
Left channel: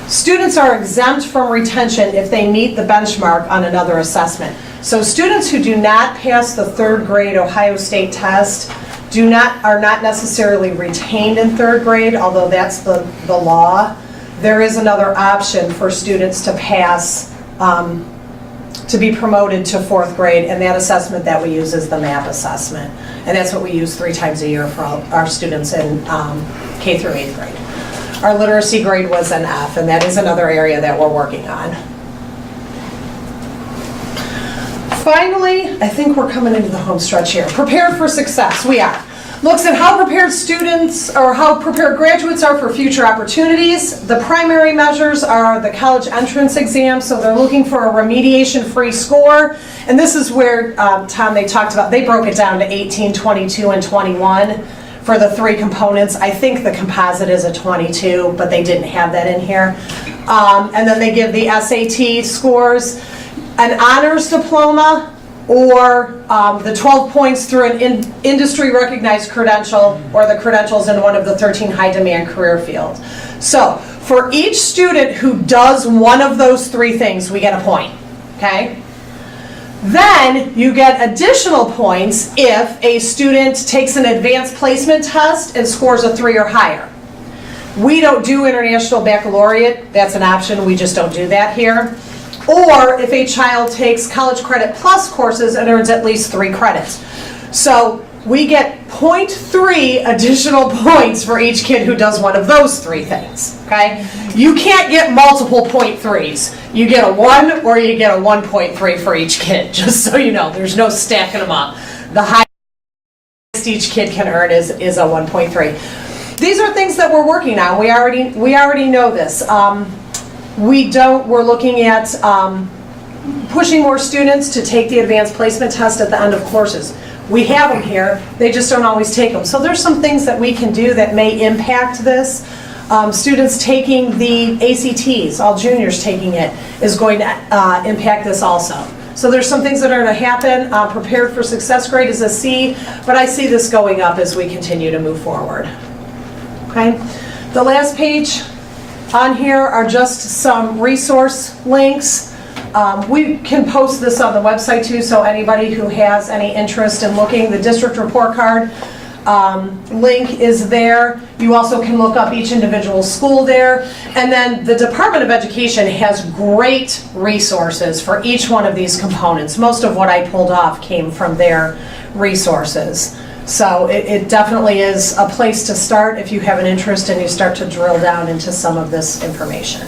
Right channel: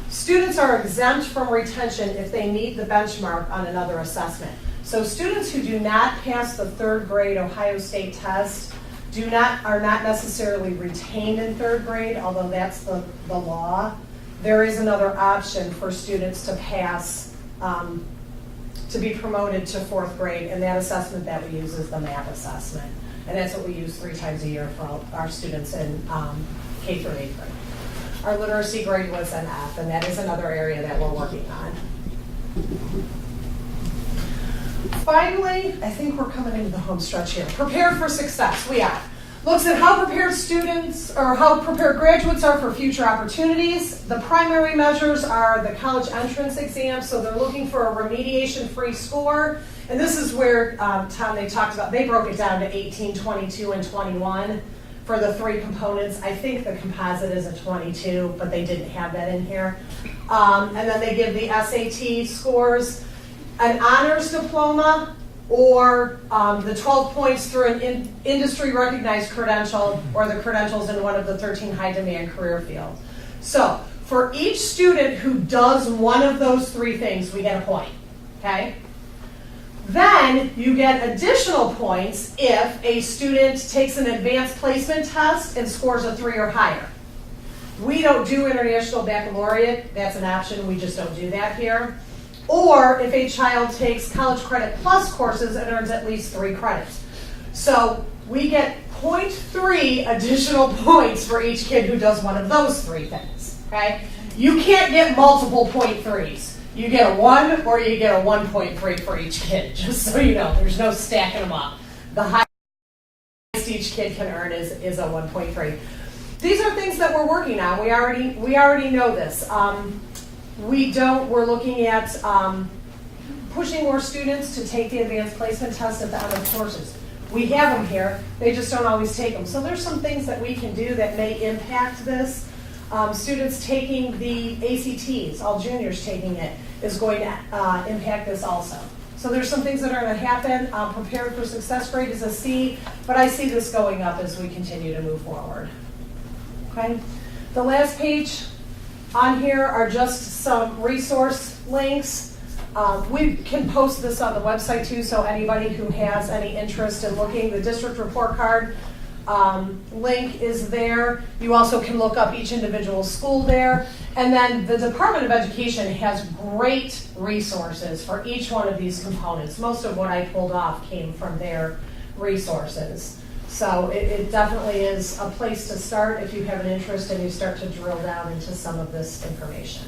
Students are exempt from retention if they meet the benchmark on another assessment. So students who do not pass the 3rd grade Ohio State test are not necessarily retained in 3rd grade, although that's the law. There is another option for students to pass, to be promoted to 4th grade, and that assessment that we use is the MAP assessment. And that's what we use 3 times a year for our students in K through 8th grade. Our literacy grade was an F, and that is another area that we're working on. Finally, I think we're coming into the home stretch here. Prepared for success, we are. Looks at how prepared students or how prepared graduates are for future opportunities. The primary measures are the college entrance exam, so they're looking for a remediation-free score. And this is where, Tom, they broke it down to 18, 22, and 21. For the 3 components. I think the composite is a 22, but they didn't have that in here. And then they give the SAT scores, an honors diploma, or the 12 points through an industry recognized credential, or the credentials in one of the 13 high demand career fields. So for each student who does one of those 3 things, we get a point, okay? Then you get additional points if a student takes an advanced placement test and scores a 3 or higher. We don't do international baccalaureate, that's an option, we just don't do that here. Or if a child takes college credit plus courses and earns at least 3 credits. So we get 0.3 additional points for each kid who does one of those 3 things, okay? You can't get multiple 0.3s. You get a 1 or you get a 1.3 for each kid, just so you know. There's no stacking them up. The highest each kid can earn is a 1.3. These are things that we're working on. We already know this. We're looking at pushing more students to take the advanced placement test at the end of courses. We have them here, they just don't always take them. So there's some things that we can do that may impact this. Students taking the ACTs, all juniors taking it, is going to impact this also. So there's some things that are going to happen. Prepared for success grade is a C, but I see this going up as we continue to move forward. Okay, the last page on here are just some resource links. We can post this on the website too, so anybody who has any interest in looking, the district report card link is there. You also can look up each individual school there. And then the Department of Education has great resources for each one of these components. Most of what I pulled off came from their resources. So it definitely is a place to start if you have an interest and you start to drill down into some of this information.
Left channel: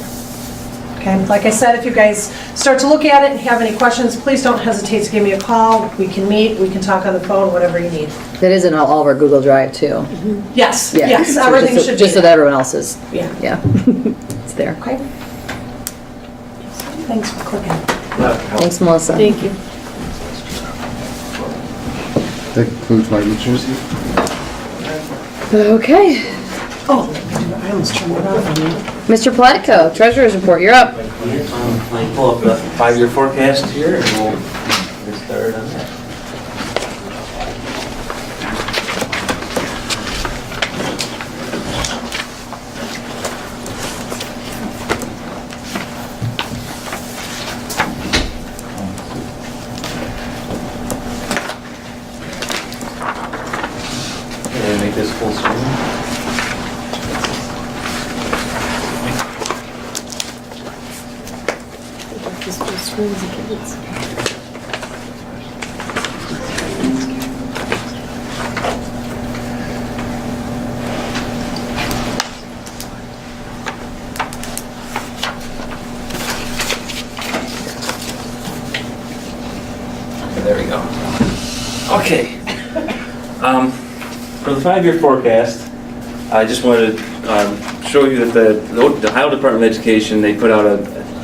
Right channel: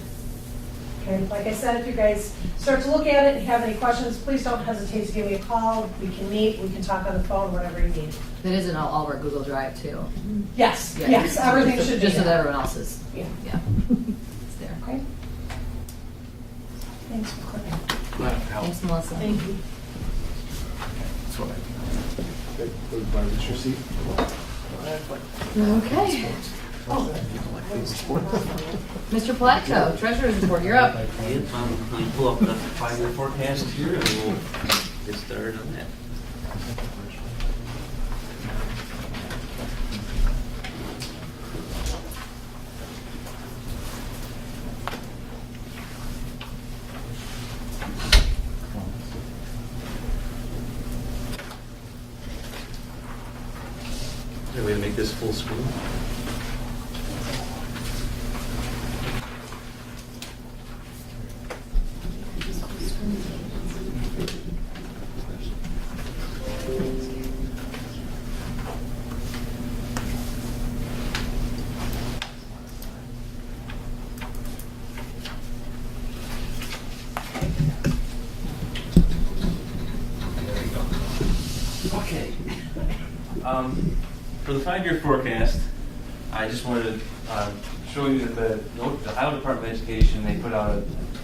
Okay, like I said, if you guys start to look at it and have any questions, please don't hesitate to give me a call. We can meet, we can talk on the phone, whatever you need. That is in all of our Google Drive too. Mm-hmm. Yes, Yeah. yes, So everything just should be just so that there. everyone else is. Yeah. Yeah. It's there. Okay. Thanks for clicking. Thanks, Melissa. Thank you. That concludes my reports. Okay. Oh, I almost turned it off on you. Mr. Platko, Treasurer's Report, you're up. I pull up the 5-year forecast here and we'll get started on that. Can I make this full screen? There we go. Okay. For the 5-year forecast, I just wanted to show you that the Ohio Department of Education, they put out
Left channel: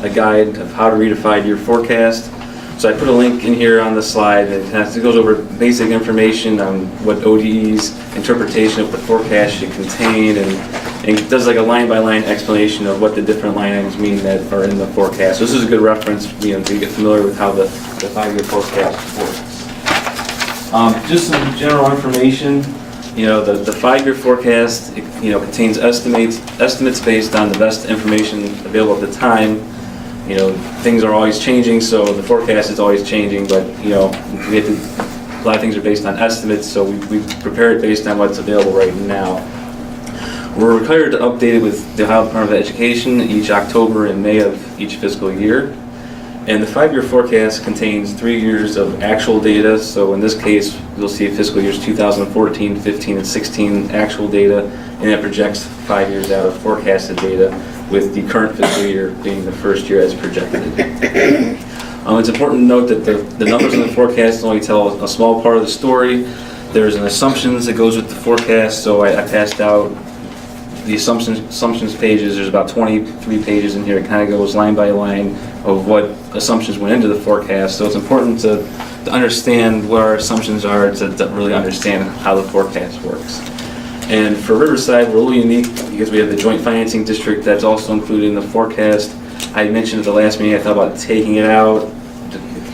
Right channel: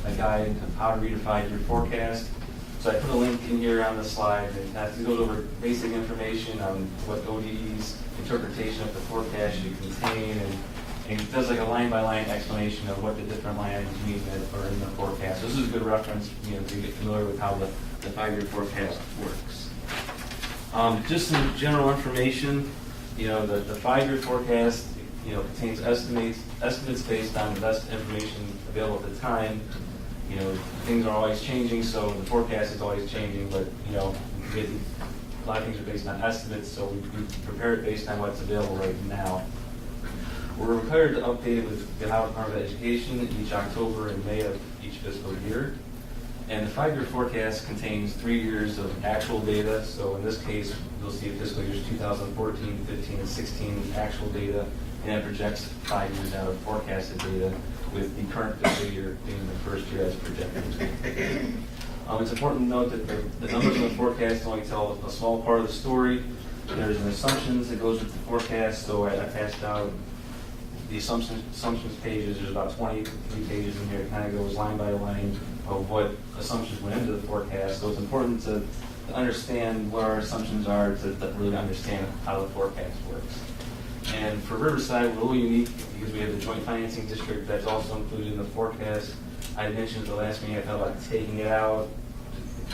a guide of how to read a 5-year forecast. So I put a link in here on the slide that it goes over basic information on what ODE's interpretation of the forecast should contain, and it does like a line-by-line explanation of what the different line items mean that are in the forecast. So this is a good reference, to get familiar with how the 5-year forecast works. Just some general information. The 5-year forecast, contains estimates based on the best information available at the time. Things are always changing, so the forecast is always changing, but, a lot of things are based on estimates, so we prepare it based on what's available right now. We're required to update it with the Ohio Department of Education each October and May of each fiscal year. And the 5-year forecast contains 3 years of actual data, so in this case, you'll see fiscal years 2014, 15, and 16 actual data, and that projects 5 years out of forecasted data, with the current fiscal year being the first year as projected. It's important to note that the numbers in the forecast only tell a small part of the story. There's an assumptions that goes with the forecast, so I passed out the assumptions pages. There's about 23 pages in here. It kind of goes line by line of what assumptions went into the forecast. So it's important to understand what our assumptions are to really understand how the forecast works. And for Riverside, we're a little unique because we have the joint financing district that's also included in the forecast. I mentioned at the last meeting I thought about taking it out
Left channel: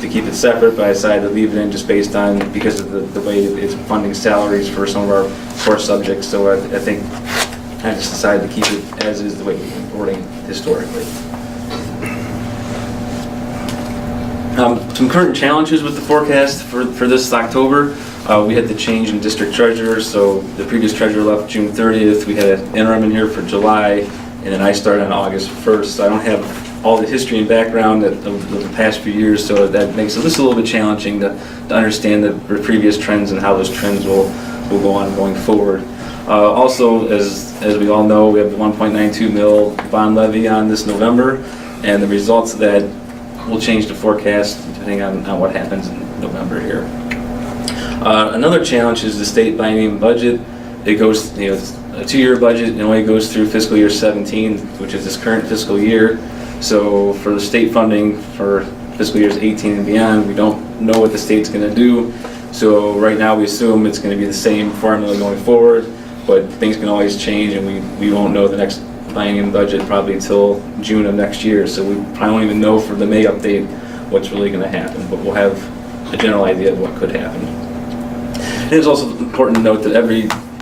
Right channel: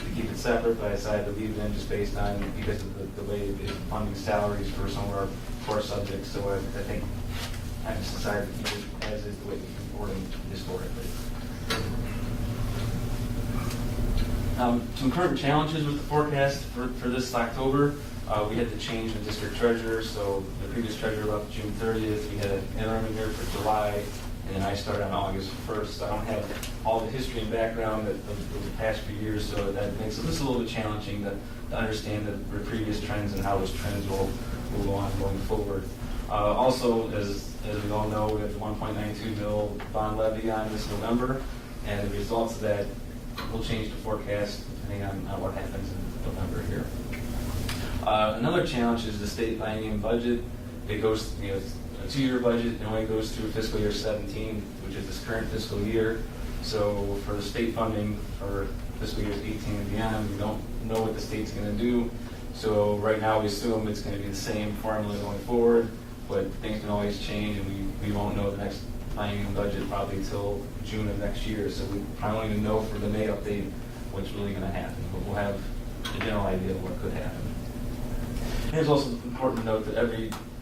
to keep it separate, but I decided to leave it in just because of the way it's funding salaries for some of our core subjects. So I think I just decided to keep it as is, the way we've been reporting historically. Some current challenges with the forecast for this October. We had the change in district treasurer, so the previous treasurer left June 30th. We had an interim in here for July, and then I started on August 1st. So I don't have all the history and background of the past few years, so that makes this a little bit challenging to understand the previous trends and how those trends will go on going forward. Also, as we all know, we have the 1.92 mil bond levy on this November, and the results of that will change the forecast depending on what happens in November here. Another challenge is the state biennium budget. It goes, it's a 2-year budget, and only goes through fiscal year 17, which is this current fiscal year. So for the state funding for fiscal years 18 and beyond, we don't know what the state's going to do. So right now we assume it's going to be the same formula going forward, but things can always change, and we won't know the next biennium budget probably until June of next year. So we probably won't even know for the May update what's really going to happen, but we'll have a general idea of what could happen. And it's also important to note that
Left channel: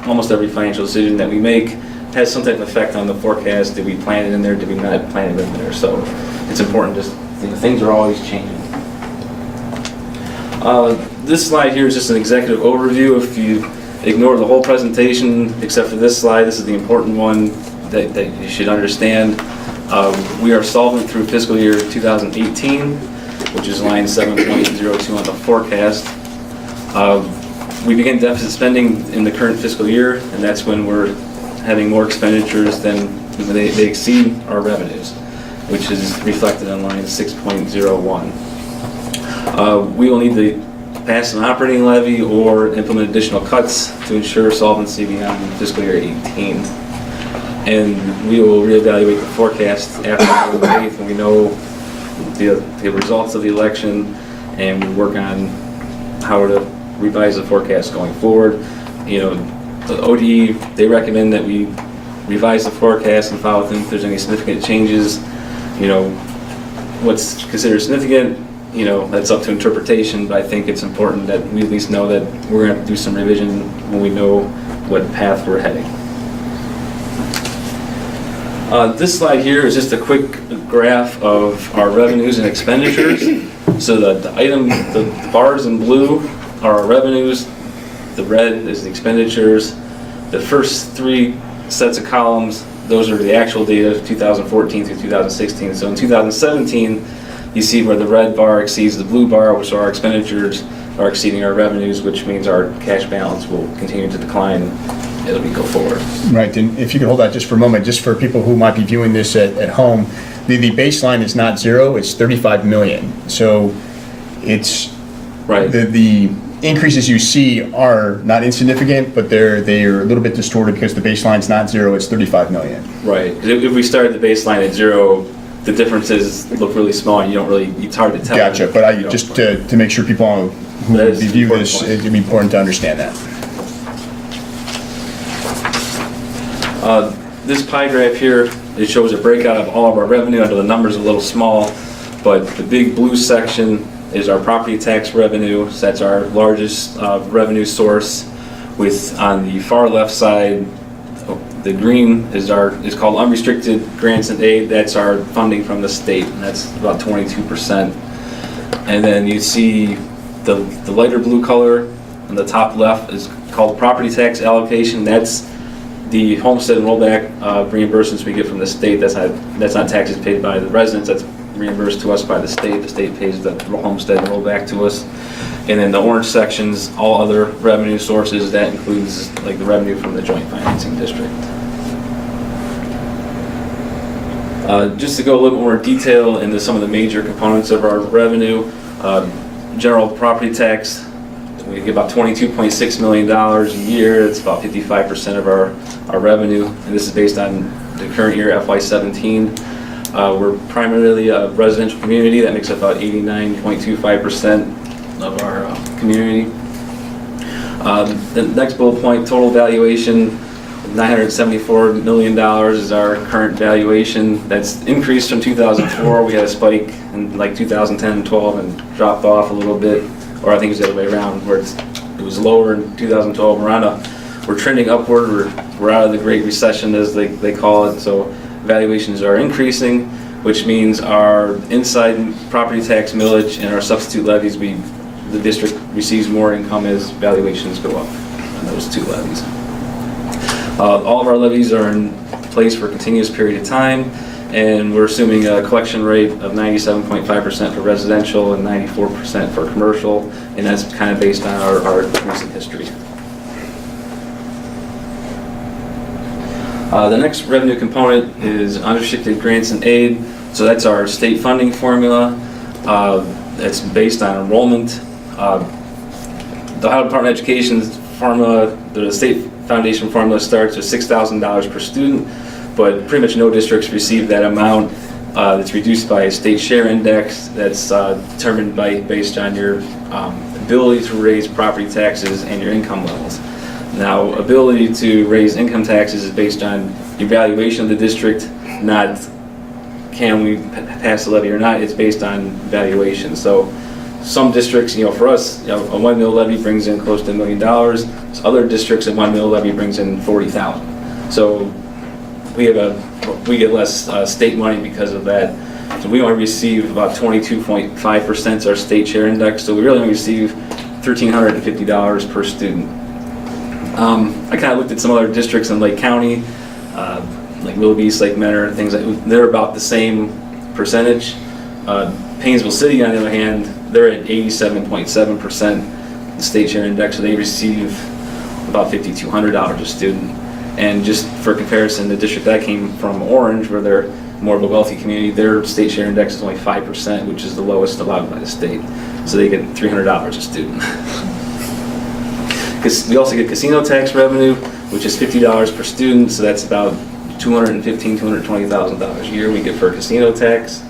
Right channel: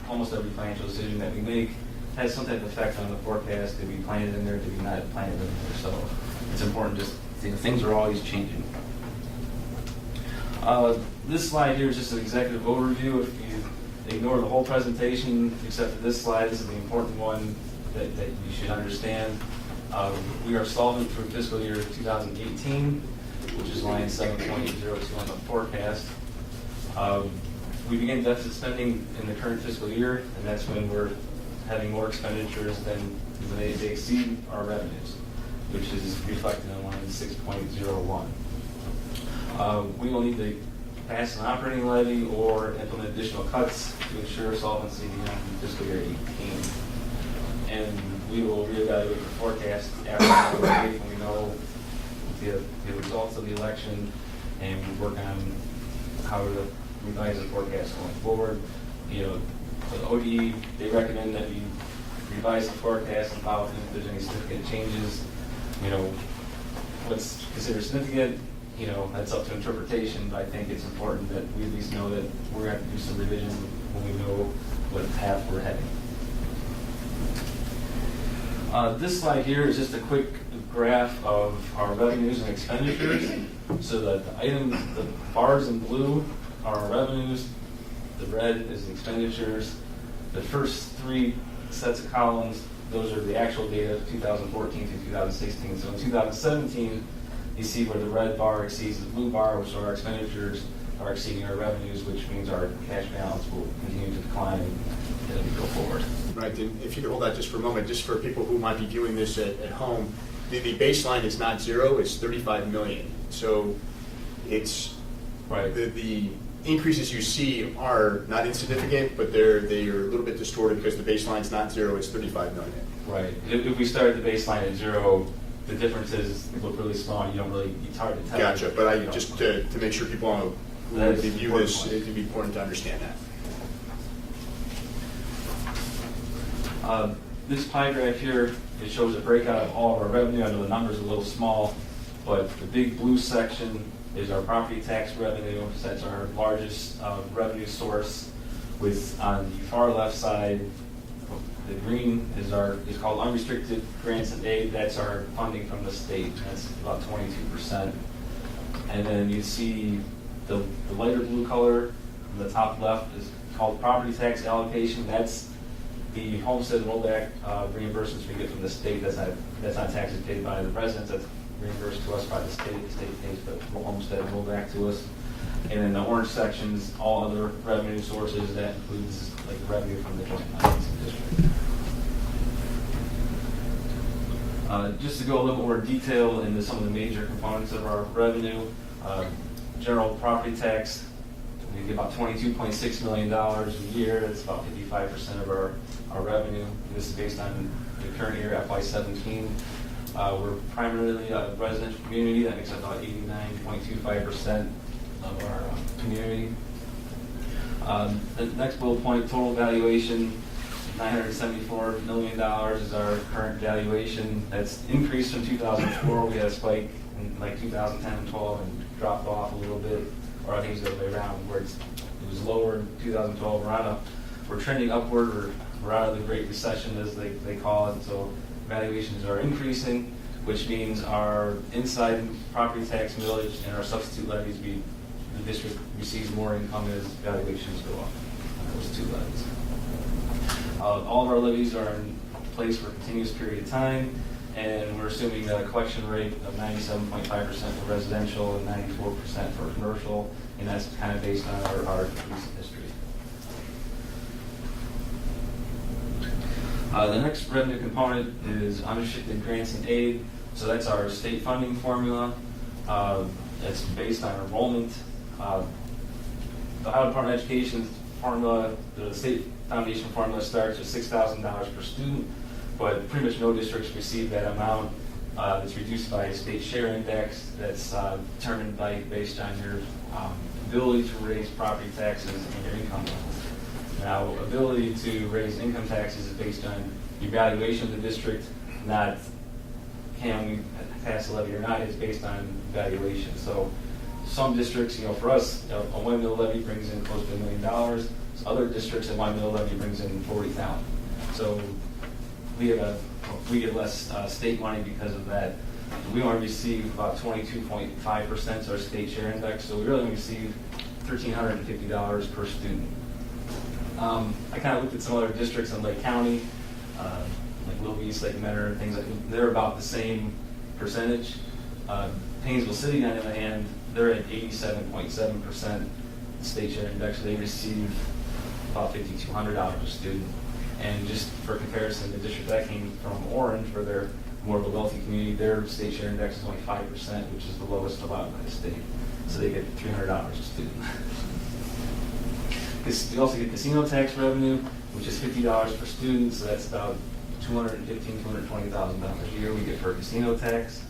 almost every financial decision that we make has some type of effect on the forecast. Did we plan it in there? Did we not plan it in there? So it's important, things are always changing. This slide here is just an executive overview. If you ignore the whole presentation except for this slide, this is the important one that you should understand. We are solvent through fiscal year 2018, which is line 7.02 on the forecast. We begin deficit spending in the current fiscal year, and that's when we're having more expenditures than they exceed our revenues, which is reflected on line 6.01. We will need to pass an operating levy or implement additional cuts to ensure solvency beyond fiscal year 18. And we will reevaluate the forecast after the 8th when we know the results of the election, and we work on how to revise the forecast going forward. The ODE, they recommend that we revise the forecast and follow if there's any significant changes. What's considered significant, that's up to interpretation, but I think it's important that we at least know that we're going to have to do some revision when we know what path we're heading. This slide here is just a quick graph of our revenues and expenditures. So the bars in blue are our revenues, the red is the expenditures. The first 3 sets of columns, those are the actual data of 2014 through 2016. So in 2017, you see where the red bar exceeds the blue bar, which are our expenditures are exceeding our revenues, which means our cash balance will continue to decline as we go forward. Right, and if you could hold that just for a moment, just for people who might be viewing this at home, the baseline is not 0, it's 35 million. So it's right. increases you see are not insignificant, but they're a little bit distorted because the baseline's not zero, it's 35 million. Right. 'Cause if we started the baseline at 0, the differences look really small, and you don't really, it's hard to tell. Gotcha, but just to make sure people who That is review an important this, point. it'd be important to understand that. This pie graph here, it shows a breakout of all of our revenue. I know the number's a little small, but the big blue section is our property tax revenue. So that's our largest revenue source. With, on the far left side, the green is called unrestricted grants and aid. That's our funding from the state, and that's about 22%. And then you see the lighter blue color on the top left is called property tax allocation. That's the homestead and rollback reimbursements we get from the state. That's not taxes paid by the residents. That's reimbursed to us by the state. The state pays the homestead and rollback to us. And then the orange sections, all other revenue sources, that includes like the revenue from the joint financing district. Just to go a little more detail into some of the major components of our revenue, general property tax, we get about $22.6 million a year. It's about 55% of our revenue, and this is based on the current year, FY17. We're primarily a residential community. That makes up about 89.25% of our community. The next bullet point, total valuation, $974 million is our current valuation. That's increased from 2004. We had a spike in like 2010 and 12 and dropped off a little bit, or I think it was the other way around, where it was lower in 2012. We're trending upward. We're out of the Great Recession, as they call it, so valuations are increasing, which means our inside property tax millage and our substitute levies, the district receives more income as valuations go up on those two levies. All of our levies are in place for a continuous period of time, and we're assuming a collection rate of 97.5% for residential and 94% for commercial, and that's kind of based on our recent history. The next revenue component is unrestricted grants and aid. So that's our state funding formula. That's based on enrollment. The Ohio Department of Education's formula, the state foundation formula, starts with $6,000 per student, but pretty much no districts receive that amount. It's reduced by a state share index that's determined based on your ability to raise property taxes and your income levels. Now, ability to raise income taxes is based on evaluation of the district, not can we pass the levy or not. It's based on valuation. So some districts, for us, a 1 mil levy brings in close to $1 million. So other districts, a 1 mil levy brings in $40,000. So we get less state money because of that. So we only receive about 22.5% is our state share index. So we really only receive $1,350 per student. I kind of looked at some other districts in Lake County, like Willoughby, Lake Menor, things like they're about the same percentage. Painesville City, on the other hand, they're at 87.7% the state share index, so they receive about $5,200 a student. And just for comparison, the district I came from, Orange, where they're more of a wealthy community, their state share index is only 5%, which is the lowest allowed by the state. So they get $300 a student. We also get casino tax revenue, which is $50 per student, so that's about $215,000, $220,000 a year we get for casino tax.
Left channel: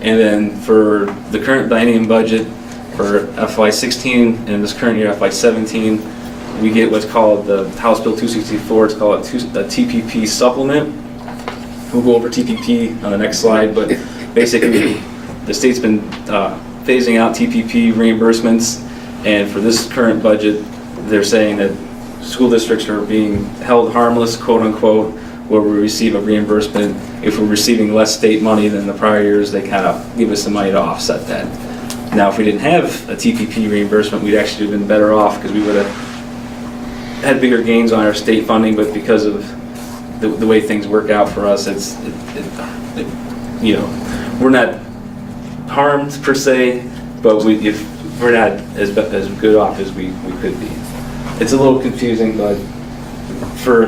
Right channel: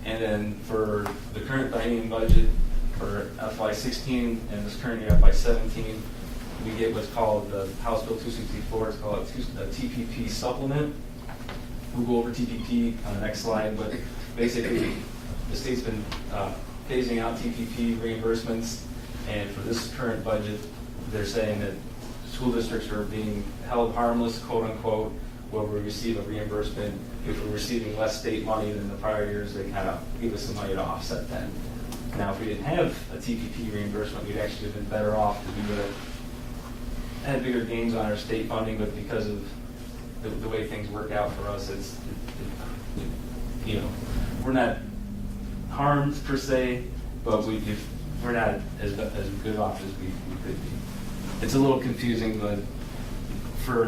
And then for the current biennium budget for FY16 and this current year FY17, we get what's called the House Bill 264. It's called a TPP supplement. We'll go over TPP on the next slide, but basically the state's been phasing out TPP reimbursements, and for this current budget, they're saying that school districts are being held harmless, quote unquote, where we receive a reimbursement. If we're receiving less state money than the prior years, they kind of give us the money to offset that. Now, if we didn't have a TPP reimbursement, we'd actually have been better off because we would have had bigger gains on our state funding, but because of the way things work out for us, we're not harmed per se, but if we're not as good off as we could be. It's a little confusing, but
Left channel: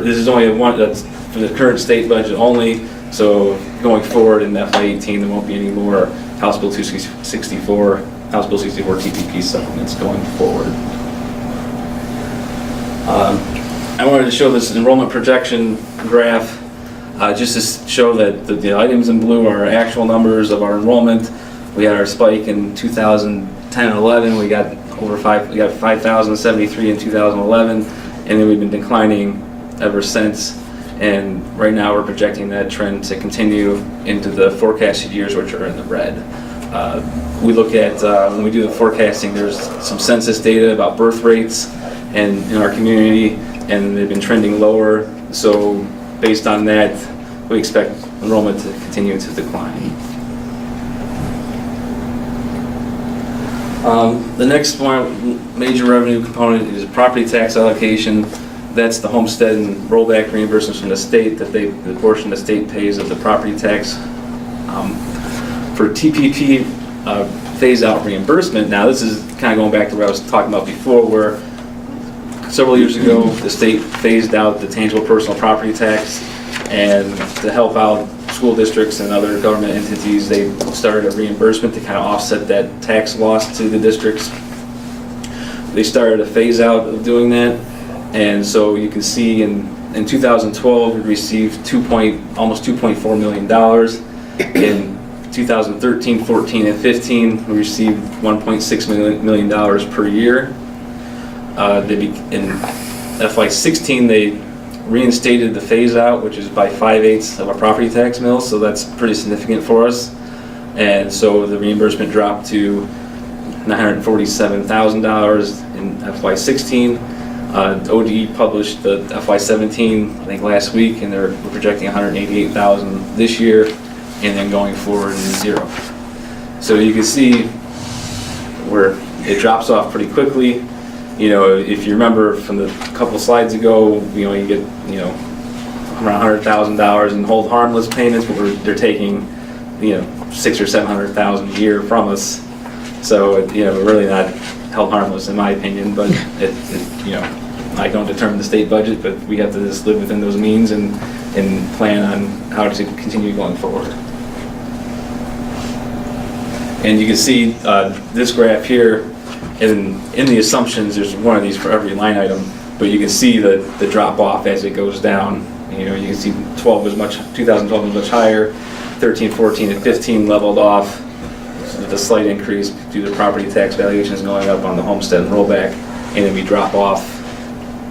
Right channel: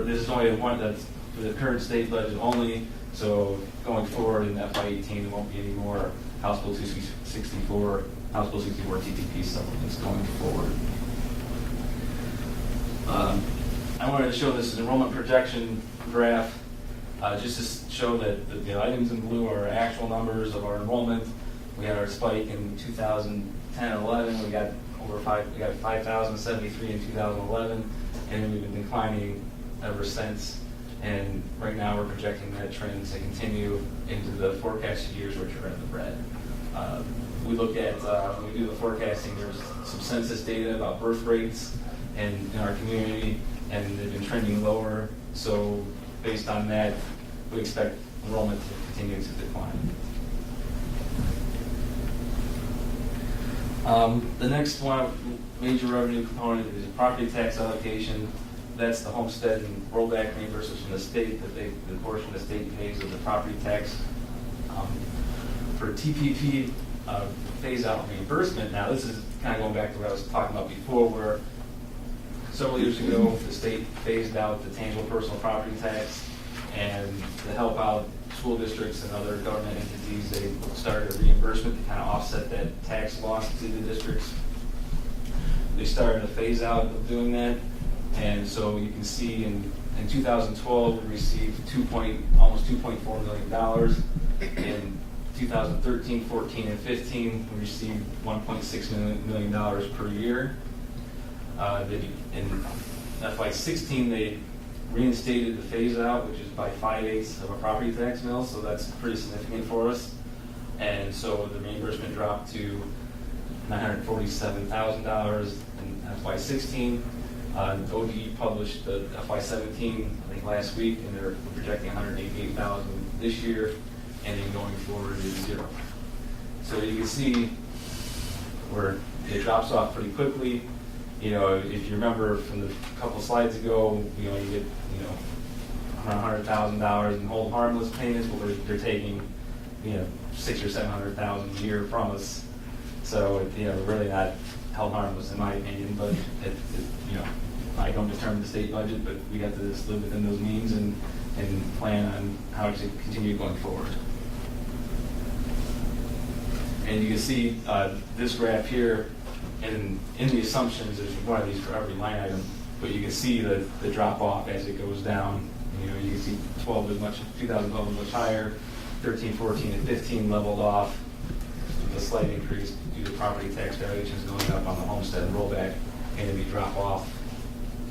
this is only that's for the current state budget only. So going forward in FY18, there won't be any more House Bill 264, House Bill 64 TPP supplements going forward. I wanted to show this enrollment projection graph, just to show that the items in blue are actual numbers of our enrollment. We had our spike in 2010 and 11. We got 5,073 in 2011, and then we've been declining ever since. And right now we're projecting that trend to continue into the forecasted years, which are in the red. We look at, when we do the forecasting, there's some census data about birth rates and in our community, and they've been trending lower. So based on that, we expect enrollment to continue to decline. The next one, major revenue component is property tax allocation. That's the homestead and rollback reimbursements from the state, that the portion the state pays of the property tax. For TPP phase-out reimbursement, now this is kind of going back to what I was talking about before, where several years ago the state phased out the tangible personal property tax, and to help out school districts and other government entities, they started a reimbursement to kind of offset that tax loss to the districts. They started a phase-out of doing that. And so you can see in 2012, we received almost $2.4 million. In 2013, 14, and 15, we received $1.6 million per year. In FY16, they reinstated the phase-out, which is by 5/8 of our property tax mill, so that's pretty significant for us. And so the reimbursement dropped to $947,000 in FY16. ODE published the FY17, I think last week, and we're projecting $188,000 this year, and then going forward is zero. So you can see where it drops off pretty quickly. You know, if you remember from the couple slides ago, you get around $100,000 in hold harmless payments, but they're taking $600,000 or $700,000 a year from us. So we're really not held harmless in my opinion, but I don't determine the state budget, but we have to just live within those means and plan on how to continue going forward. And you can see this graph here, and in the assumptions, there's one of these for every line item, but you can see the drop off as it goes down. You can see 2012 was much higher, 13, 14, and 15 leveled off. With a slight increase due to property tax valuations going up on the homestead and rollback, and then we drop off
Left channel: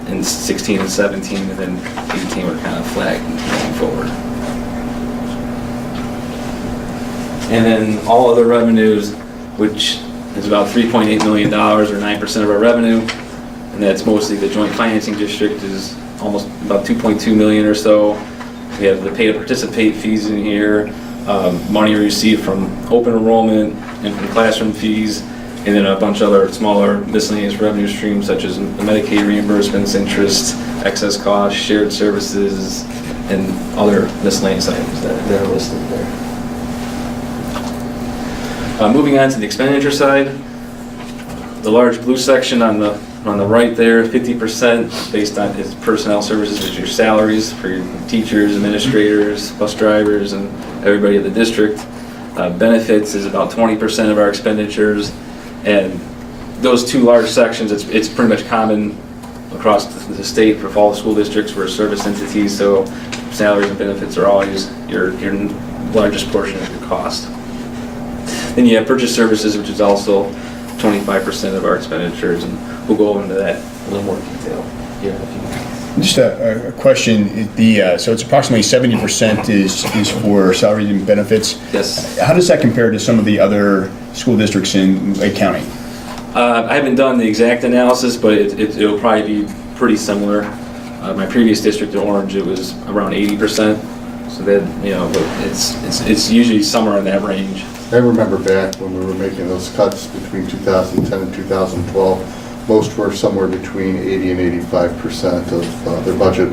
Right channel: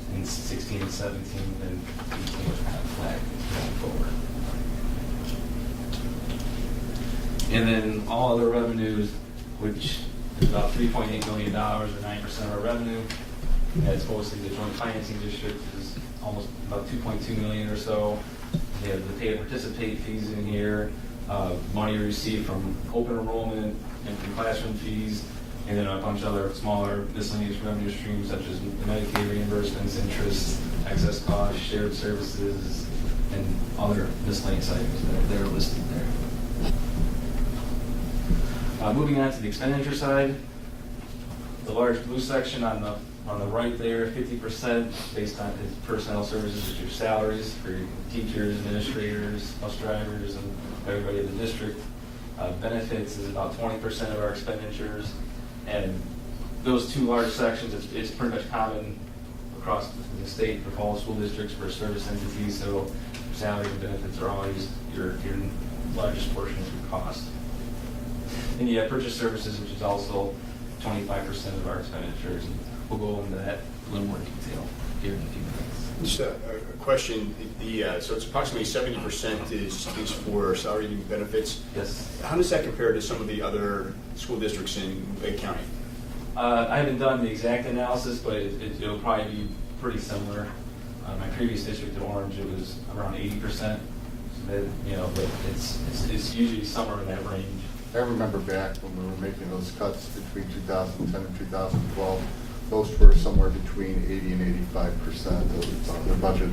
in 16 and 17, and then 18 we're kind of flat going forward. And then all other revenues, which is about $3.8 million or 9% of our revenue, and that's mostly the joint financing district is almost about $2.2 million or so. We have the pay to participate fees in here. Money received from open enrollment and from classroom fees, and then a bunch of other smaller miscellaneous revenue streams such as Medicaid reimbursements, interest, excess costs, shared services, and other miscellaneous items that are listed there. Moving on to the expenditure side, the large blue section on the right there, 50% based on his personnel services, which are your salaries for your teachers, administrators, bus drivers, and everybody at the district. Benefits is about 20% of our expenditures, and those two large sections, it's pretty much common across the state for all the school districts. We're service entities, so salaries and benefits are always your largest portion of your cost. Then you have purchase services, which is also 25% of our expenditures, and we'll go into that in a little more detail here in a few minutes. Just a question. So it's approximately 70% is for salaries and benefits. Yes. How does that compare to some of the other school districts in Lake County? I haven't done the exact analysis, but it'll probably be pretty similar. My previous district in Orange, it was around 80%. So that but it's usually somewhere in that range. I remember back when we were making those cuts between 2010 and 2012, most were somewhere between 80 and 85% of their budget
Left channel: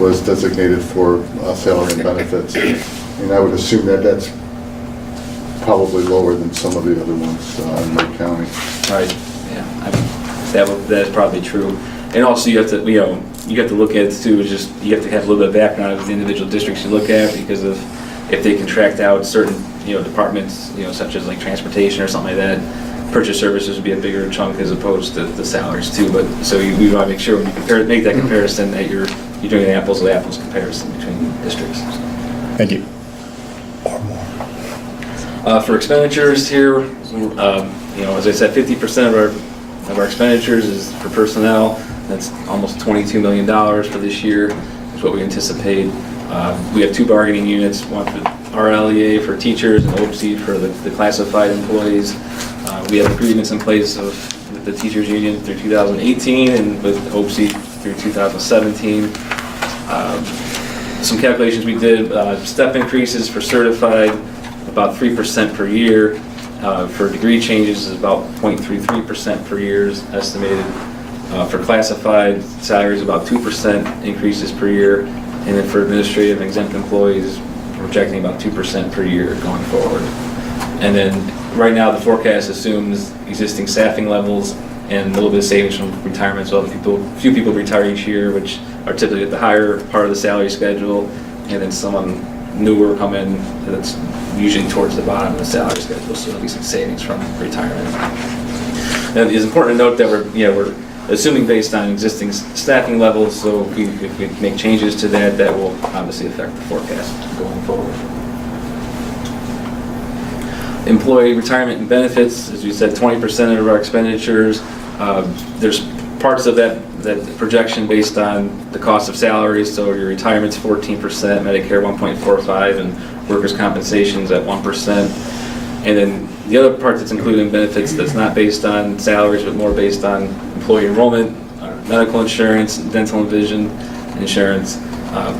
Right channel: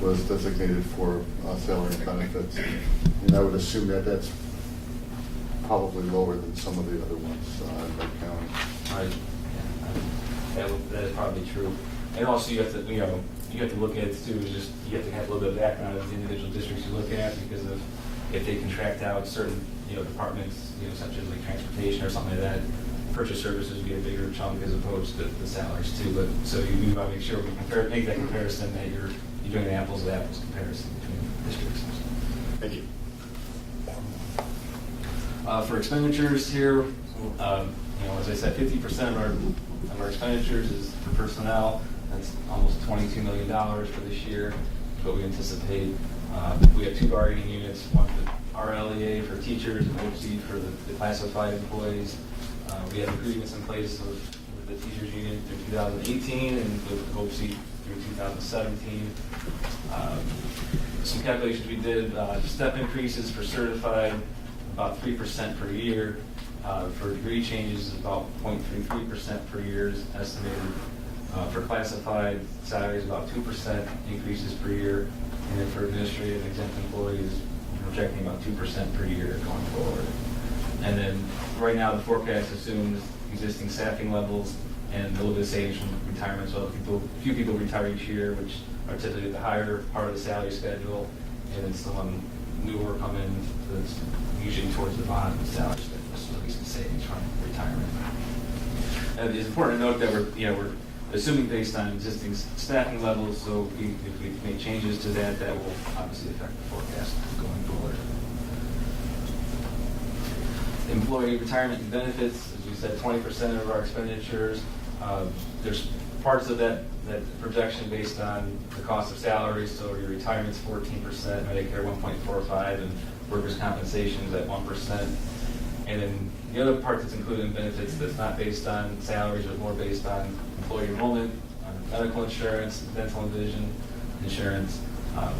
was designated for salary and benefits. And I would assume that that's probably lower than some of the other ones in Lake County. Right. Yeah. That is probably true. And also you have to you have to look at it too. Just you have to have a little bit of background of the individual districts you look at, because of if they contract out certain departments such as like transportation or something like that, purchase services would be a bigger chunk as opposed to the salaries too. But so we want to make sure when you make that comparison that you're doing an apples to apples comparison between districts. Thank you. For expenditures here, as I said, 50% of our expenditures is for personnel. That's almost $22 million for this year, is what we anticipate. We have 2 bargaining units, one for RLEA for teachers and OPC for the classified employees. We have agreements in place with the teachers union through 2018 and with OPC through 2017. Some calculations we did, step increases for certified, about 3% per year. For degree changes is about 0.33% per year is estimated. For classified salaries, about 2% increases per year. And then for administrative and exempt employees, we're projecting about 2% per year going forward. And then right now the forecast assumes existing staffing levels and a little bit of savings from retirement. So a few people retire each year, which are typically at the higher part of the salary schedule, and then someone newer come in that's usually towards the bottom of the salary schedule, so there'll be some savings from retirement. Now, it's important to note that we're assuming based on existing staffing levels, so if we make changes to that, that will obviously affect the forecast going forward. Employee retirement and benefits, as we said, 20% of our expenditures. There's parts of that projection based on the cost of salaries, so your retirement's 14%, Medicare 1.45%, and workers' compensation's at 1%. And then the other part that's included in benefits that's not based on salaries, but more based on employee enrollment, medical insurance, dental and vision insurance.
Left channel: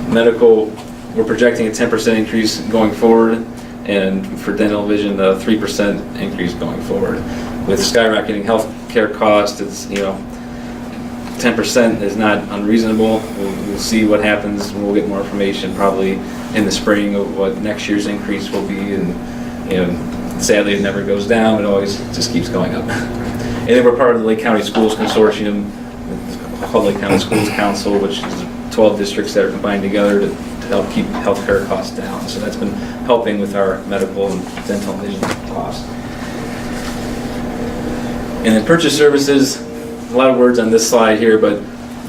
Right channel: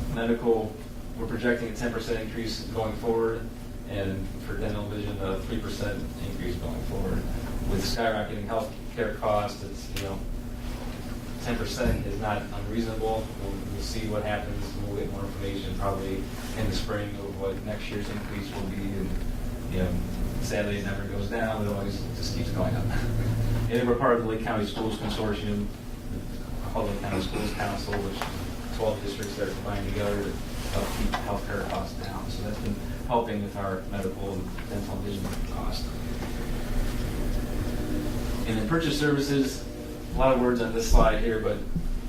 Medical, we're projecting a 10% increase going forward, and for dental and vision, a 3% increase going forward. With skyrocketing health care costs, it's 10% is not unreasonable. We'll see what happens, and we'll get more information probably in the spring of what next year's increase will be. And sadly, it never goes down; it always just keeps going up. And then we're part of the Lake County Schools Consortium, called Lake County Schools Council, which is 12 districts that are combined together to help keep healthcare costs down. So that's been helping with our medical and dental and vision costs. And then purchase services. A lot of words on this slide here, but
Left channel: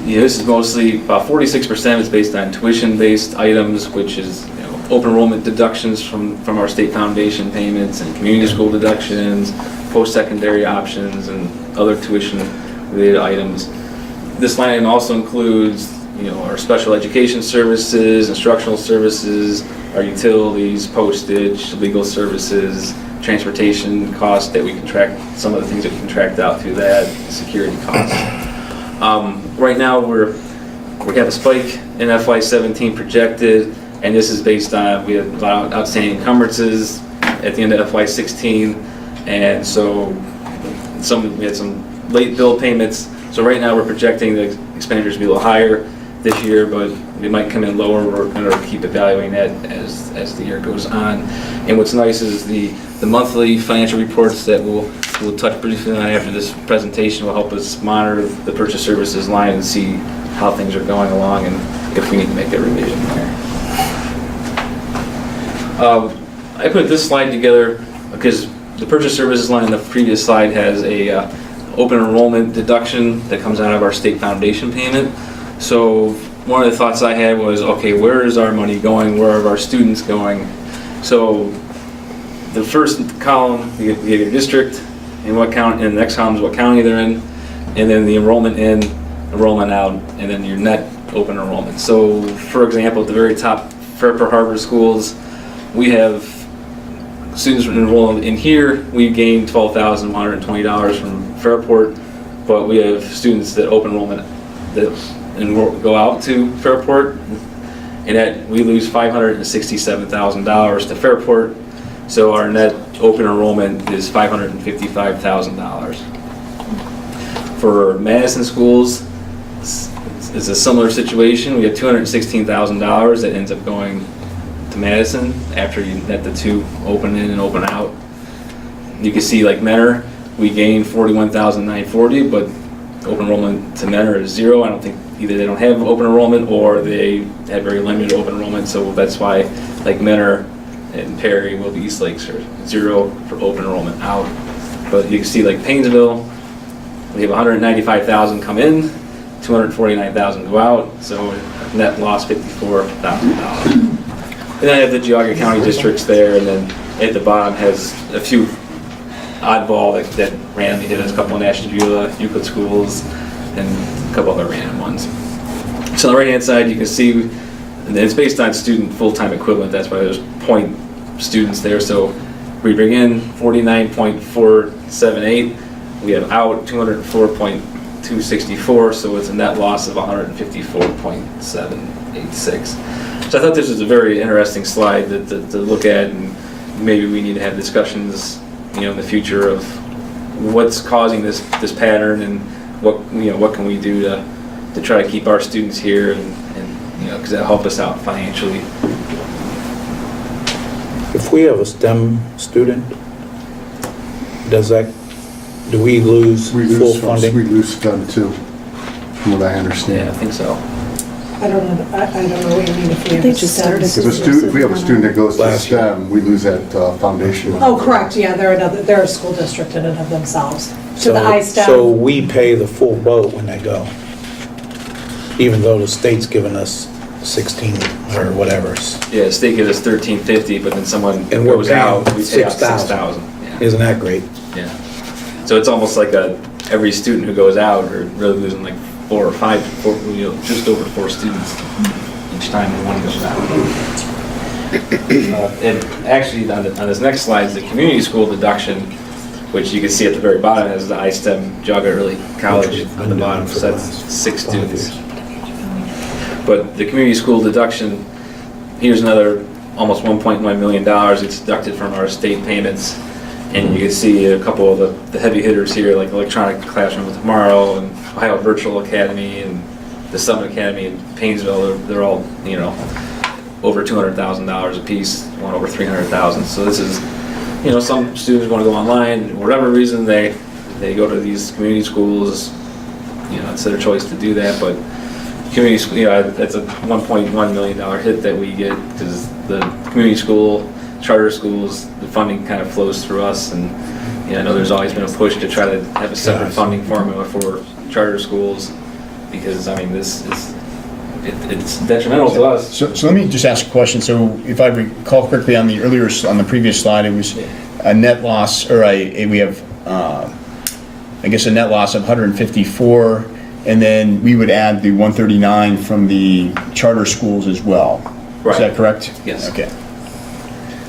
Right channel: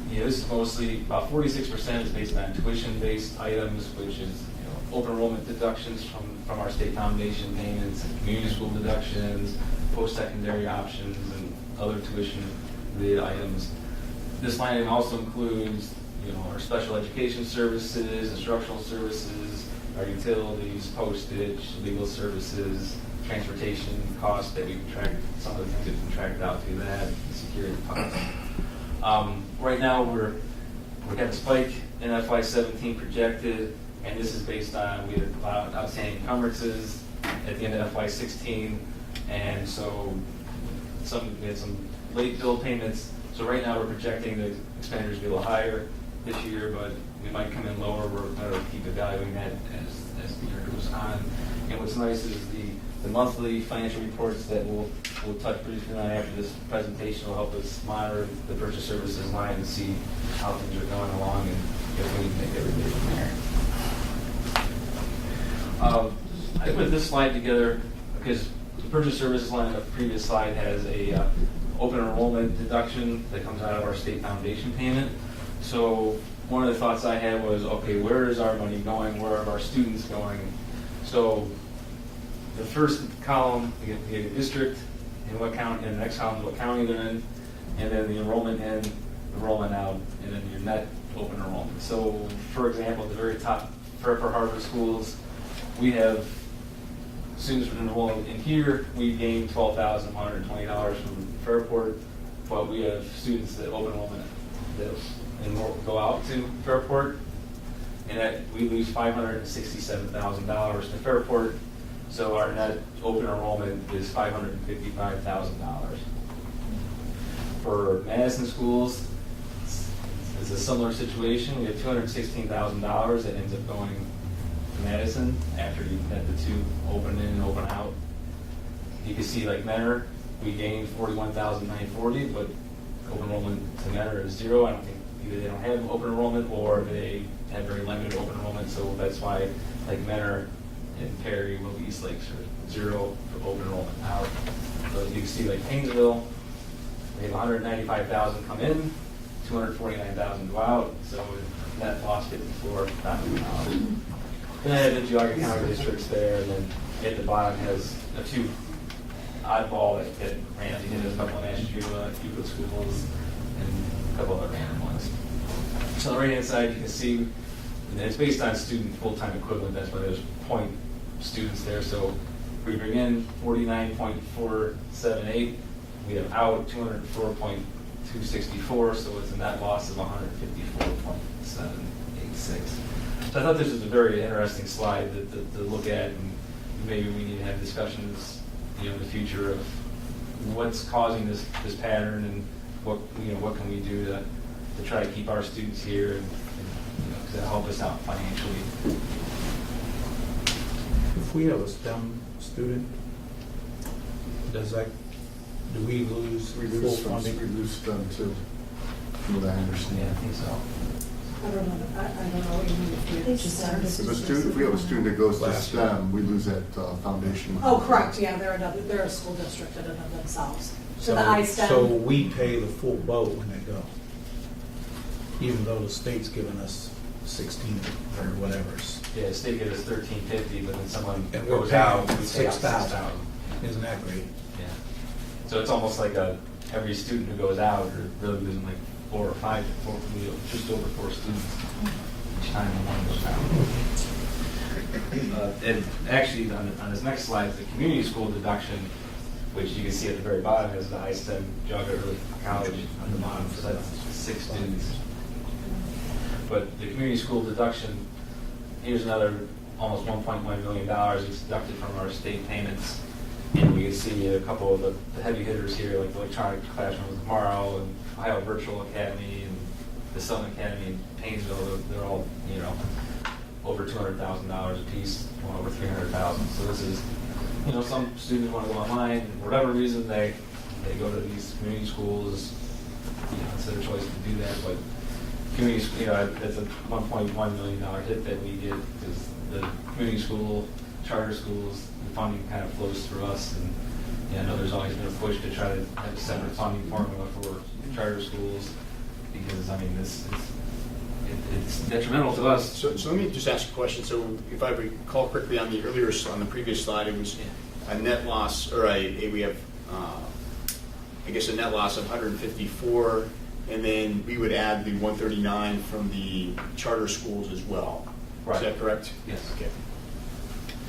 this is mostly about 46% is based on tuition-based items, which is open enrollment deductions from our state foundation payments and community school deductions, post-secondary options, and other tuition-related items. This line item also includes our special education services, instructional services, our utilities, postage, legal services, transportation costs that we contract, some of the things that we contract out through that, security costs. Right now we have a spike in FY17 projected, and this is based on, we have a lot of outstanding encumbrances at the end of FY16, and so we had some late bill payments. So right now we're projecting the expenditures to be a little higher this year, but it might come in lower. We're going to keep evaluating that as the year goes on. And what's nice is the monthly financial reports that we'll touch briefly on after this presentation will help us monitor the purchase services line and see how things are going along and if we need to make a revision there. I put this slide together because the purchase services line in the previous slide has a open enrollment deduction that comes out of our state foundation payment. So one of the thoughts I had was, okay, where is our money going? Where are our students going? So the first column, you have your district, and what county, and the next column is what county they're in, and then the enrollment in, enrollment out, and then your net open enrollment. So for example, at the very top, Fairport Harbor schools, we have students enrolled in here. We gained $12,120 from Fairport, but we have students that open enrollment that go out to Fairport, and that we lose $567,000 to Fairport. So our net open enrollment is $555,000. For Madison schools, it's a similar situation. We have $216,000 that ends up going to Madison after you net the two open in and open out. You can see like Mentor, we gained $41,940, but open enrollment to Mentor is zero. I don't think either they don't have open enrollment or they have very limited open enrollment, so that's why like Mentor and Perry, Willoughby, East Lakes are zero for open enrollment out. But you can see like Painesville, we have 195,000 come in, 249,000 go out, so net loss $54,000. And then I have the Geauga County districts there, and then at the bottom has a few oddball that randomly hit us, a couple in Ashtabula, Euclid schools, and a couple other random ones. So on the right-hand side, you can see, and it's based on student full-time equivalent, that's why there's point students there. So we bring in 49.478, we have out 204.264, so it's a net loss of 154.786. So I thought this was a very interesting slide to look at, and maybe we need to have discussions, in the future of what's causing this pattern, and what can we do to try to keep our students here, and because that'll help us out financially. If we have a STEM student, do we lose full funding? We lose STEM too, from what I understand. Yeah, I think so. I don't know what you mean if we have They a just STEM. If we have a student that goes to STEM, we lose that foundation. Oh, correct, yeah, they're a school district in and of themselves. To the iSTEM. So we pay the full boat when they go, even though the state's giving us 16 or whatever. Yeah, the state gives us $13.50, but then someone And we're goes paying out, we pay out $6,000. $6,000. Yeah. Isn't that great? Yeah. So it's almost like every student who goes out are really losing like 4 or 5, just over 4 students each time one goes out. And actually, on this next slide is the community school deduction, which you can see at the very bottom has the iSTEM Geauga Early College on the bottom, so that's 6 students. But the community school deduction, here's another almost $1.1 million. It's deducted from our state payments. And you can see a couple of the heavy hitters here, like Electronic Classroom Tomorrow, and Ohio Virtual Academy, and the Summit Academy in Painesville. They're all, over $200,000 a piece, one over $300,000. So this is, some students want to go online, for whatever reason they go to these community schools. It's their choice to do that, but community school, that's a $1.1 million hit that we get, because the community school, charter schools, the funding kind of flows through us, and I know there's always been a push to try to have a separate funding formula for charter schools, because it's detrimental to us. So let me just ask a question. So if I recall correctly, on the previous slide, it was a net loss, or we have I guess a net loss of 154, and then we would add the 139 from the charter schools as well. Right. Is that correct? Yes. Okay.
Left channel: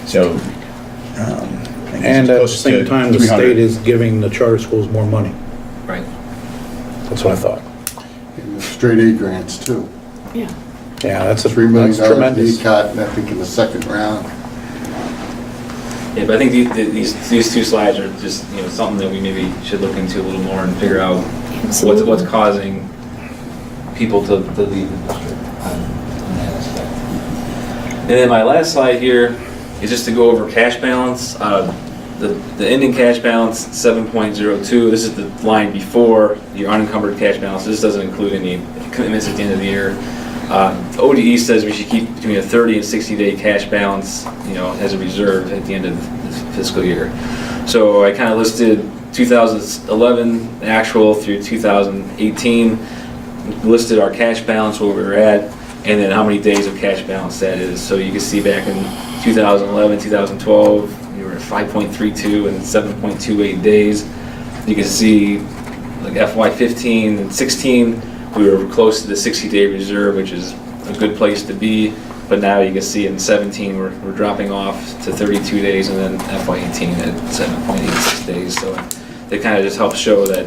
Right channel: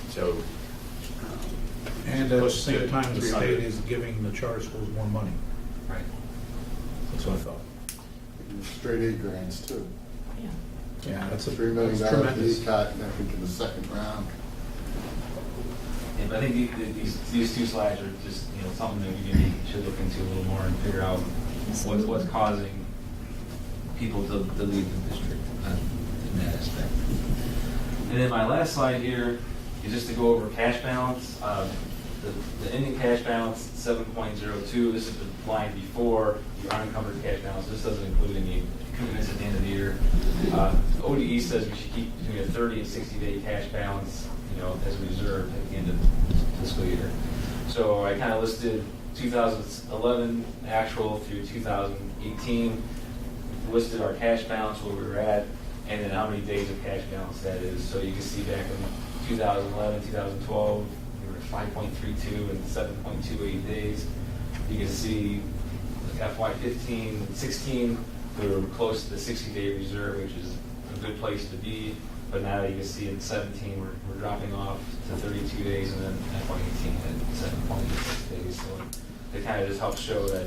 So, And at the same time, the state is giving the charter schools more money. Right. That's what I thought. And the straight A grants too. Yeah. Yeah, that's $3 million tremendous. cut, I think, in the second round. Yeah, but I think these 2 slides are just something that we maybe should look into a little more and figure out what's causing people to leave the district on that aspect. And then my last slide here is just to go over cash balance. The ending cash balance, 7.02. This is the line before your unencumbered cash balance. This doesn't include any commitments at the end of the year. ODE says we should keep between a 30 and 60-day cash balance, as a reserve at the end of the fiscal year. So I kind of listed 2011 actual through 2018, listed our cash balance, where we were at, and then how many days of cash balance that is. So you can see back in 2011, 2012, we were at 5.32 and 7.28 days. You can see like FY15 and 16, we were close to the 60-day reserve, which is a good place to be. But now you can see in 17, we're dropping off to 32 days, and then FY18 at 7.86 days. So they kind of just help show that,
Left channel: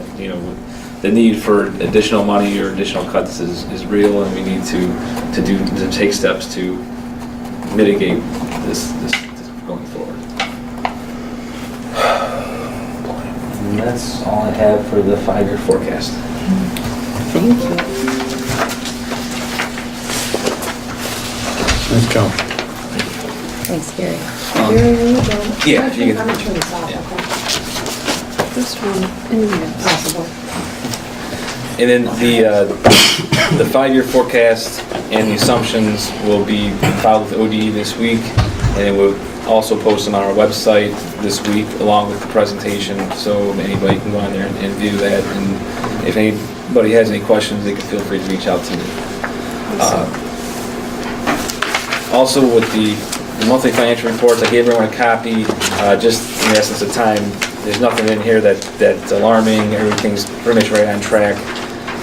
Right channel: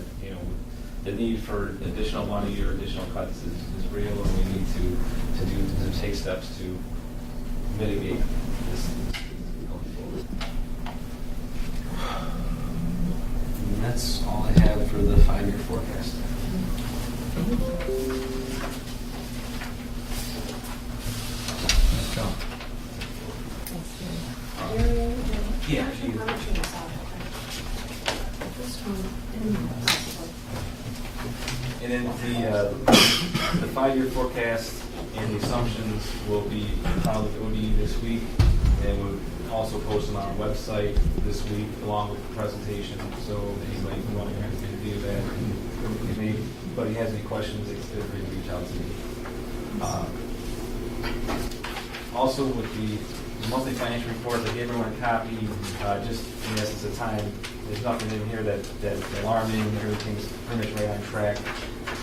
the need for additional money or additional cuts is real, and we need to take steps to mitigate this going forward. And that's all I have for the 5-year forecast. Thank you. Nice job. Thanks, Gary. Very well done. Yeah, you I'm gonna can. turn this off, okay? First one, and then Possible. And then the 5-year forecast and the assumptions will be filed with ODE this week, and it will also post them on our website this week along with the presentation, so anybody can go on there and view that. And if anybody has any questions, they can feel free to reach out to me. Also, with the monthly financial reports, I gave everyone a copy, just in the essence of time. There's nothing in here that's alarming. Everything's pretty much right on track.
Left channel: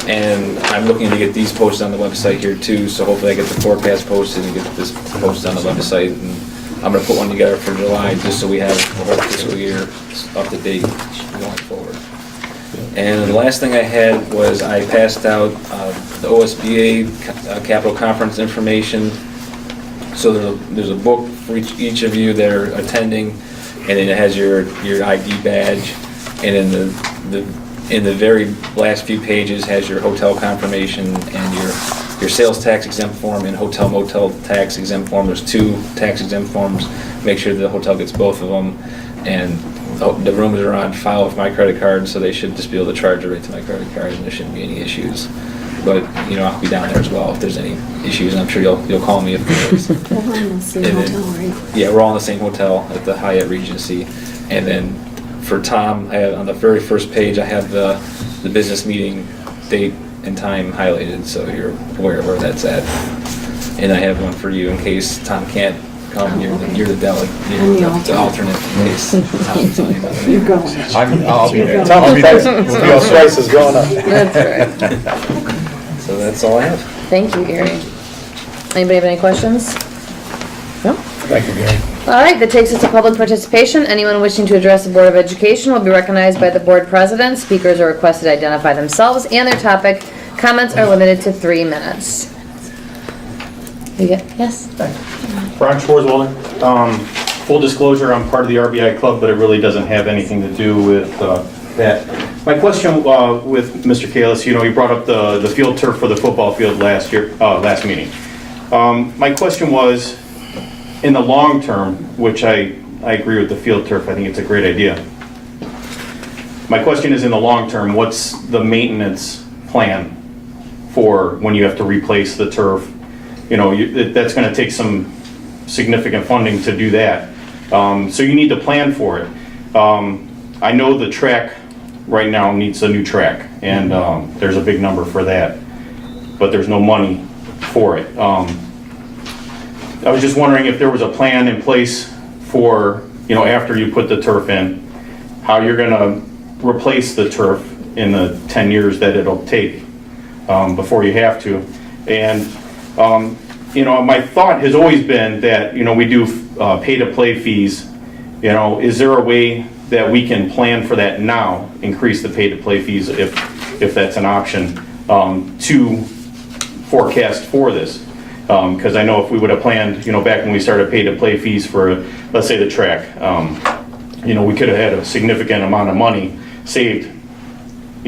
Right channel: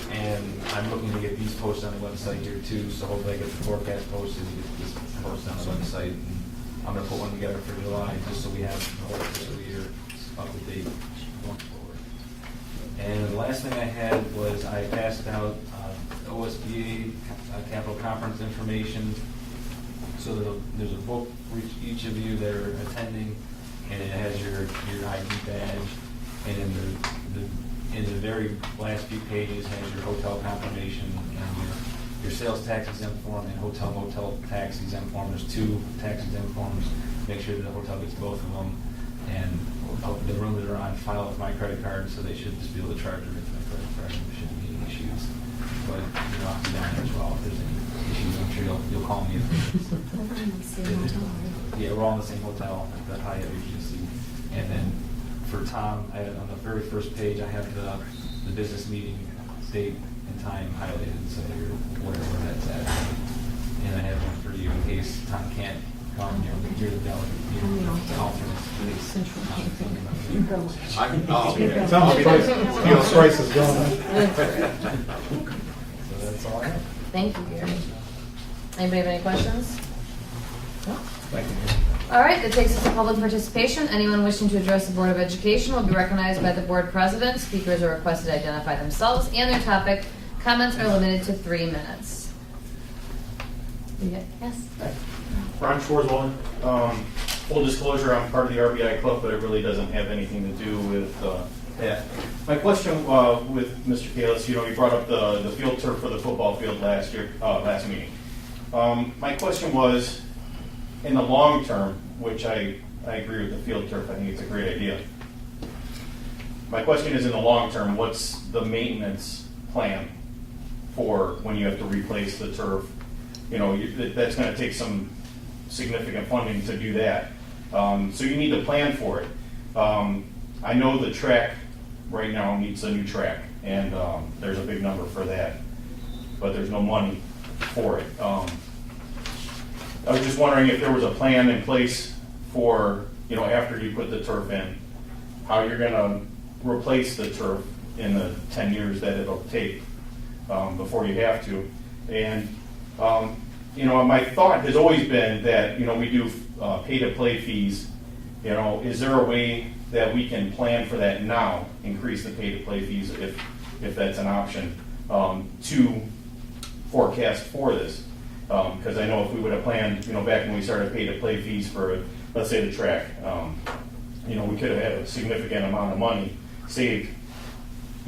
And I'm looking to get these posted on the website here too, so hopefully I get the forecast posted and get this posted on the website. And I'm gonna put one together for July, just so we have the whole fiscal year up to date going forward. And the last thing I had was I passed out the OSBA Capital Conference information. So there's a book for each of you that are attending, and then it has your ID badge, and in the very last few pages has your hotel confirmation and your sales tax exempt form and hotel motel tax exempt form. There's 2 tax exempt forms. Make sure the hotel gets both of them, and the rooms are on file with my credit card, so they should just be able to charge it right to my credit card, and there shouldn't be any issues. But I'll be down there as well if there's any issues. I'm sure you'll call me if there is. We're all in the same hotel, right? Yeah, we're all in the same hotel at the Hyatt Regency. And then for Tom, on the very first page, I have the business meeting date and time highlighted, so you're aware of where that's at. And I have one for you in case Tom can't come. You're the delegate. You're the alternate in case Tom's on. You're going. I'll be there. Slice is going up. That's right. So that's all I have. Thank you, Gary. Anybody have any questions? No? Thank you, Gary. All right, that takes us to public participation. Anyone wishing to address the Board of Education will be recognized by the board president. Speakers are requested to identify themselves and their topic. Comments are limited to 3 minutes. Yes? Brian Schwarzwalder. Full disclosure, I'm part of the RBI club, but it really doesn't have anything to do with that. My question with Mr. Kalis, he brought up the field turf for the football field last meeting. My question was, in the long term, which I agree with the field turf, I think it's a great idea. My question is, in the long term, what's the maintenance plan for when you have to replace the turf? That's going to take some significant funding to do that. So you need to plan for it. I know the track right now needs a new track, and there's a big number for that, but there's no money for it. I was just wondering if there was a plan in place for, after you put the turf in, how you're going to replace the turf in the 10 years that it'll take before you have to. And, my thought has always been that, we do pay-to-play fees. Is there a way that we can plan for that now, increase the pay-to-play fees if that's an option, to forecast for this? Because I know if we would have planned, back when we started pay-to-play fees for, let's say, the track, we could have had a significant amount of money saved,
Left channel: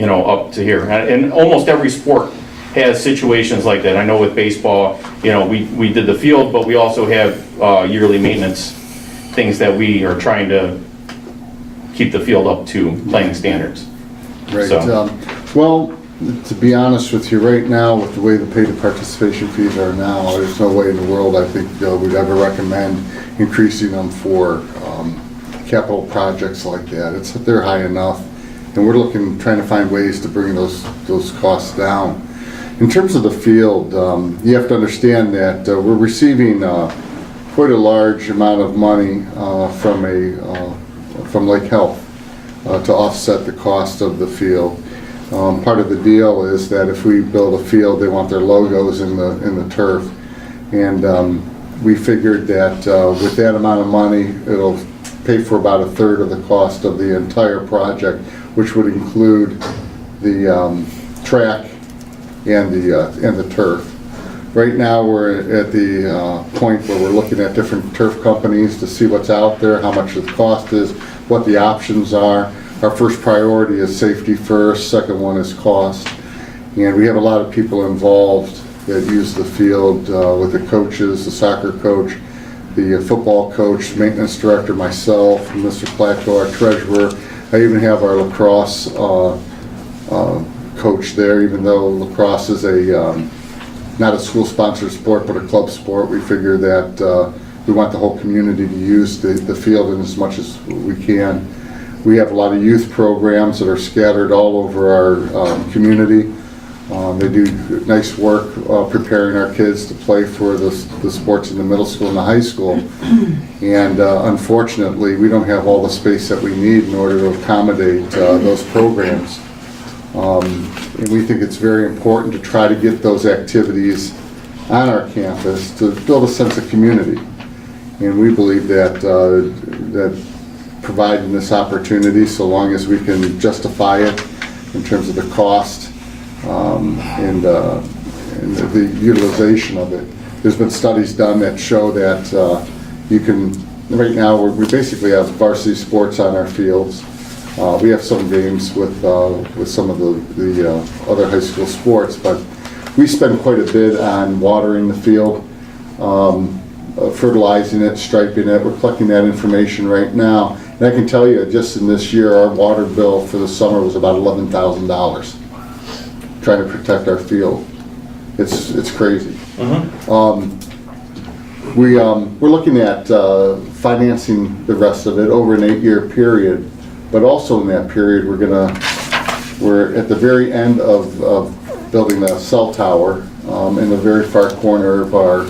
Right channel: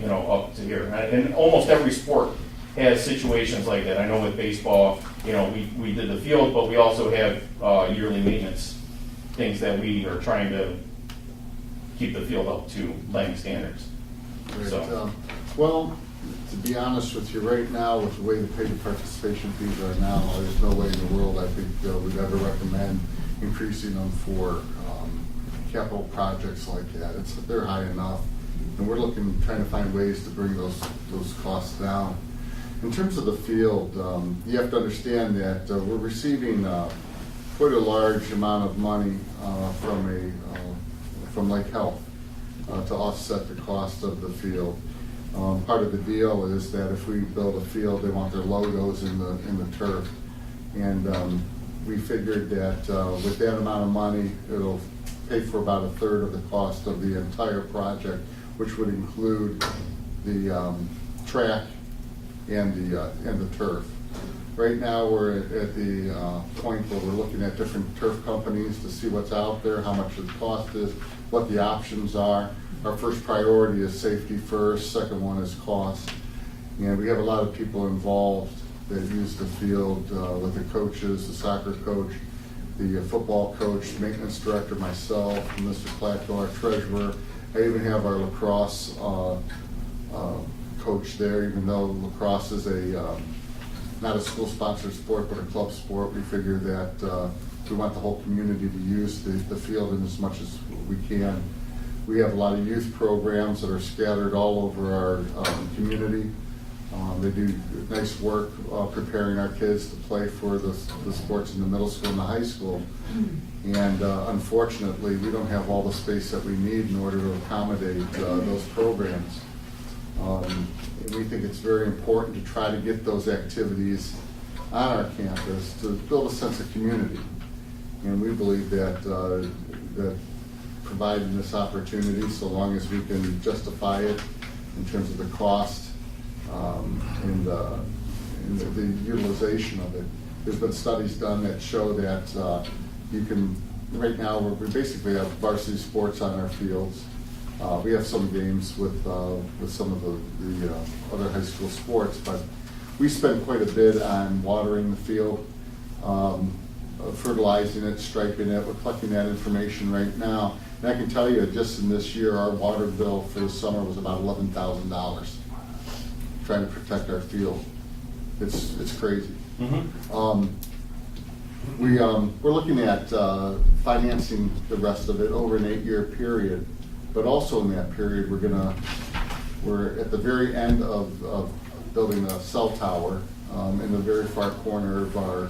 up to here. And almost every sport has situations like that. I know with baseball, we did the field, but we also have yearly maintenance things that we are trying to keep the field up to playing standards. Right. So. Well, to be honest with you, right now, with the way the pay-to-participation fees are now, there's no way in the world I think we'd ever recommend increasing them for capital projects like that. They're high enough, and we're trying to find ways to bring those costs down. In terms of the field, you have to understand that we're receiving quite a large amount of money from Lake Health to offset the cost of the field. Part of the deal is that if we build a field, they want their logos in the turf, and we figured that with that amount of money, it'll pay for about 1/3 of the cost of the entire project, which would include the track and the turf. Right now, we're at the point where we're looking at different turf companies to see what's out there, how much the cost is, what the options are. Our first priority is safety first, second one is cost. And we have a lot of people involved that use the field with the coaches, the soccer coach, the football coach, maintenance director, myself, Mr. Plateau, our treasurer. I even have our lacrosse coach there, even though lacrosse is not a school-sponsored sport, but a club sport. We figure that we want the whole community to use the field in as much as we can. We have a lot of youth programs that are scattered all over our community. They do nice work preparing our kids to play for the sports in the middle school and the high school. And unfortunately, we don't have all the space that we need in order to accommodate those programs. And we think it's very important to try to get those activities on our campus to build a sense of community. And we believe that providing this opportunity, so long as we can justify it in terms of the cost and the utilization of it. There's been studies done that show that you can, right now we basically have varsity sports on our fields. We have some games with some of the other high school sports, but we spend quite a bit on watering the field, fertilizing it, striping it. We're collecting that information right now. And I can tell you, just in this year, our water bill for the summer was about $11,000, trying to protect our field. It's crazy. We're looking at financing the rest of it over an 8-year period, but also in that period, we're at the very end of building a cell tower in the very far corner of our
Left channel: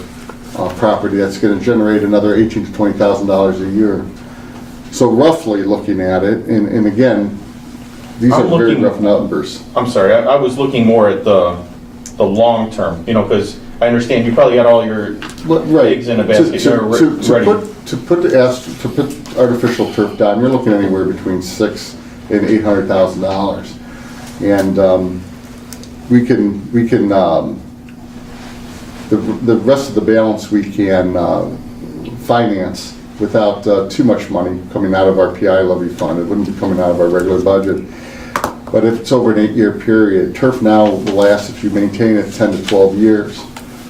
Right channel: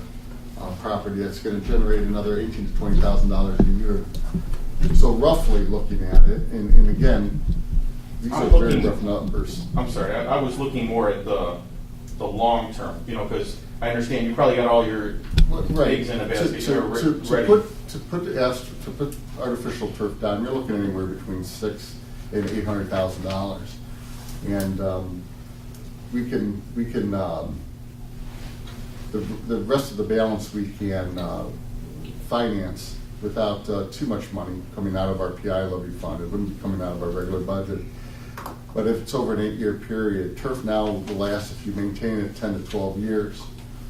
property that's going to generate another $18,000 to $20,000 a year. So roughly looking at it, and again, these are very rough numbers. I'm sorry, I was looking more at the long term, because I understand you probably got all your eggs in a basket. To put artificial turf down, you're looking anywhere between $600,000 and $800,000, and we can the rest of the balance we can finance without too much money coming out of our PI levy fund. It wouldn't be coming out of our regular budget. But if it's over an 8-year period, turf now will last, if you maintain it, 10 to 12 years.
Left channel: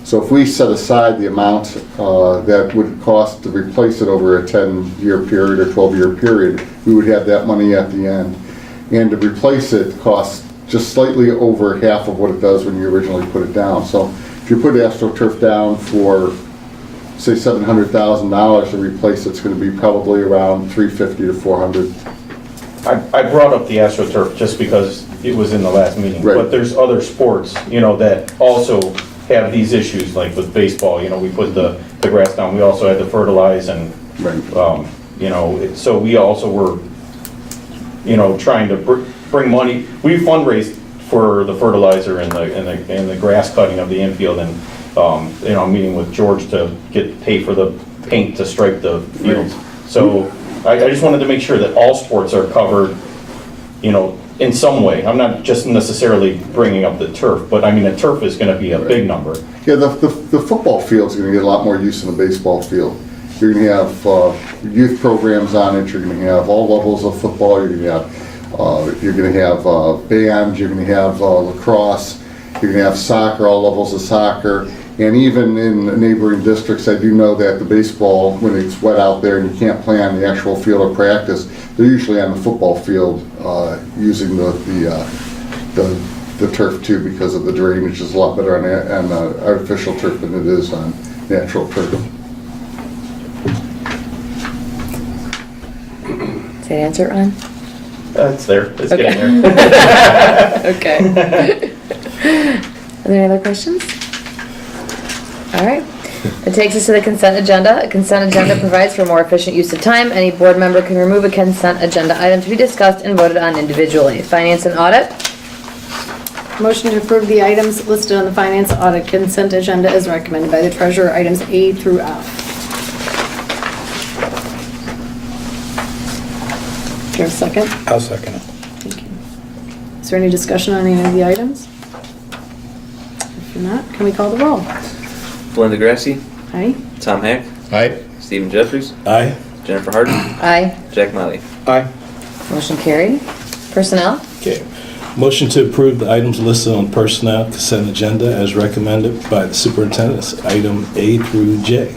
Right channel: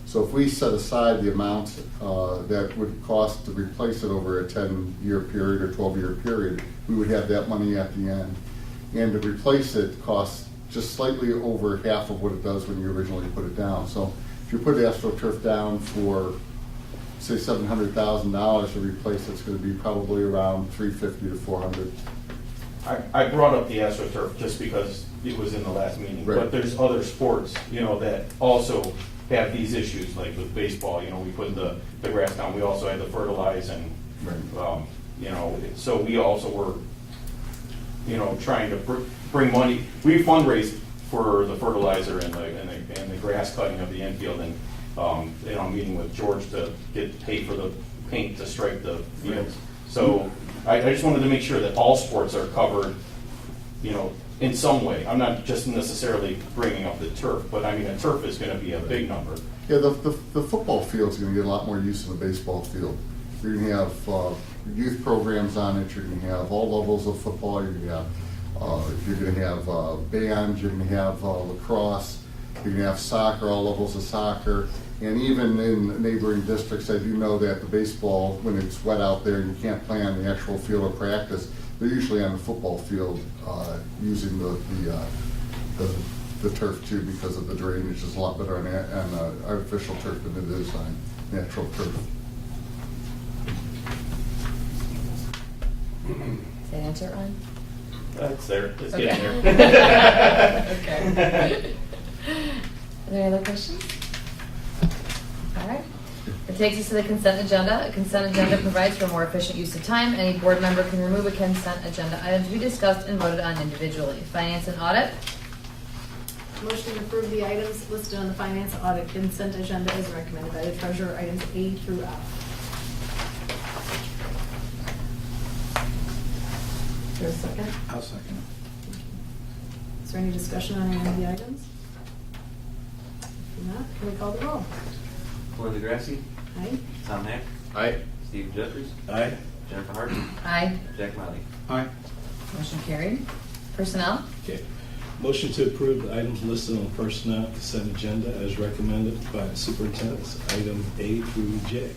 So if we set aside the amount that would cost to replace it over a 10-year period or 12-year period, we would have that money at the end. And to replace it costs just slightly over half of what it does when you originally put it down. So if you put AstroTurf down for, say, $700,000 to replace it's going to be probably around $350,000 to $400,000. I brought up the AstroTurf just because it was in the last meeting, but there's other sports, that also have these issues, like with baseball, we put the grass down, we also had to fertilize and, so we also were, trying to bring money. We fundraised for the fertilizer and the grass cutting of the infield, and I'm meeting with George to pay for the paint to stripe the fields. So I just wanted to make sure that all sports are covered, in some way. I'm not just necessarily bringing up the turf, but I mean, the turf is going to be a big number. Yeah, the football field is going to get a lot more use than the baseball field. You're going to have youth programs on it. You're going to have all levels of football. You're going to have band. You're going to have lacrosse. You're going to have soccer, all levels of soccer. And even in neighboring districts, I do know that the baseball, when it's wet out there and you can't play on the actual field of practice, they're usually on the football field using the turf too, because of the drainage is a lot better on artificial turf than it is on natural turf. Did I answer it, Ron? It's there. It's getting there. Okay. Are there any other questions? All right. It takes us to the consent agenda. A consent agenda provides for more efficient use of time. Any board member can remove a consent agenda item to be discussed and voted on individually. Finance and audit. Motion to approve the items listed on the finance audit consent agenda as recommended by the treasurer, items A through F. Do you have a second? I'll second it. Thank you. Is there any discussion on any of the items? If not, can we call the roll? Glenn DeGrassi. Aye. Tom Hack. Aye. Stephen Jeffries. Aye. Jennifer Harden. Aye. Jack Miley. Aye. Motion carried. Personnel. Okay. Motion to approve the items listed on personnel consent agenda as recommended by the superintendent, item A through J.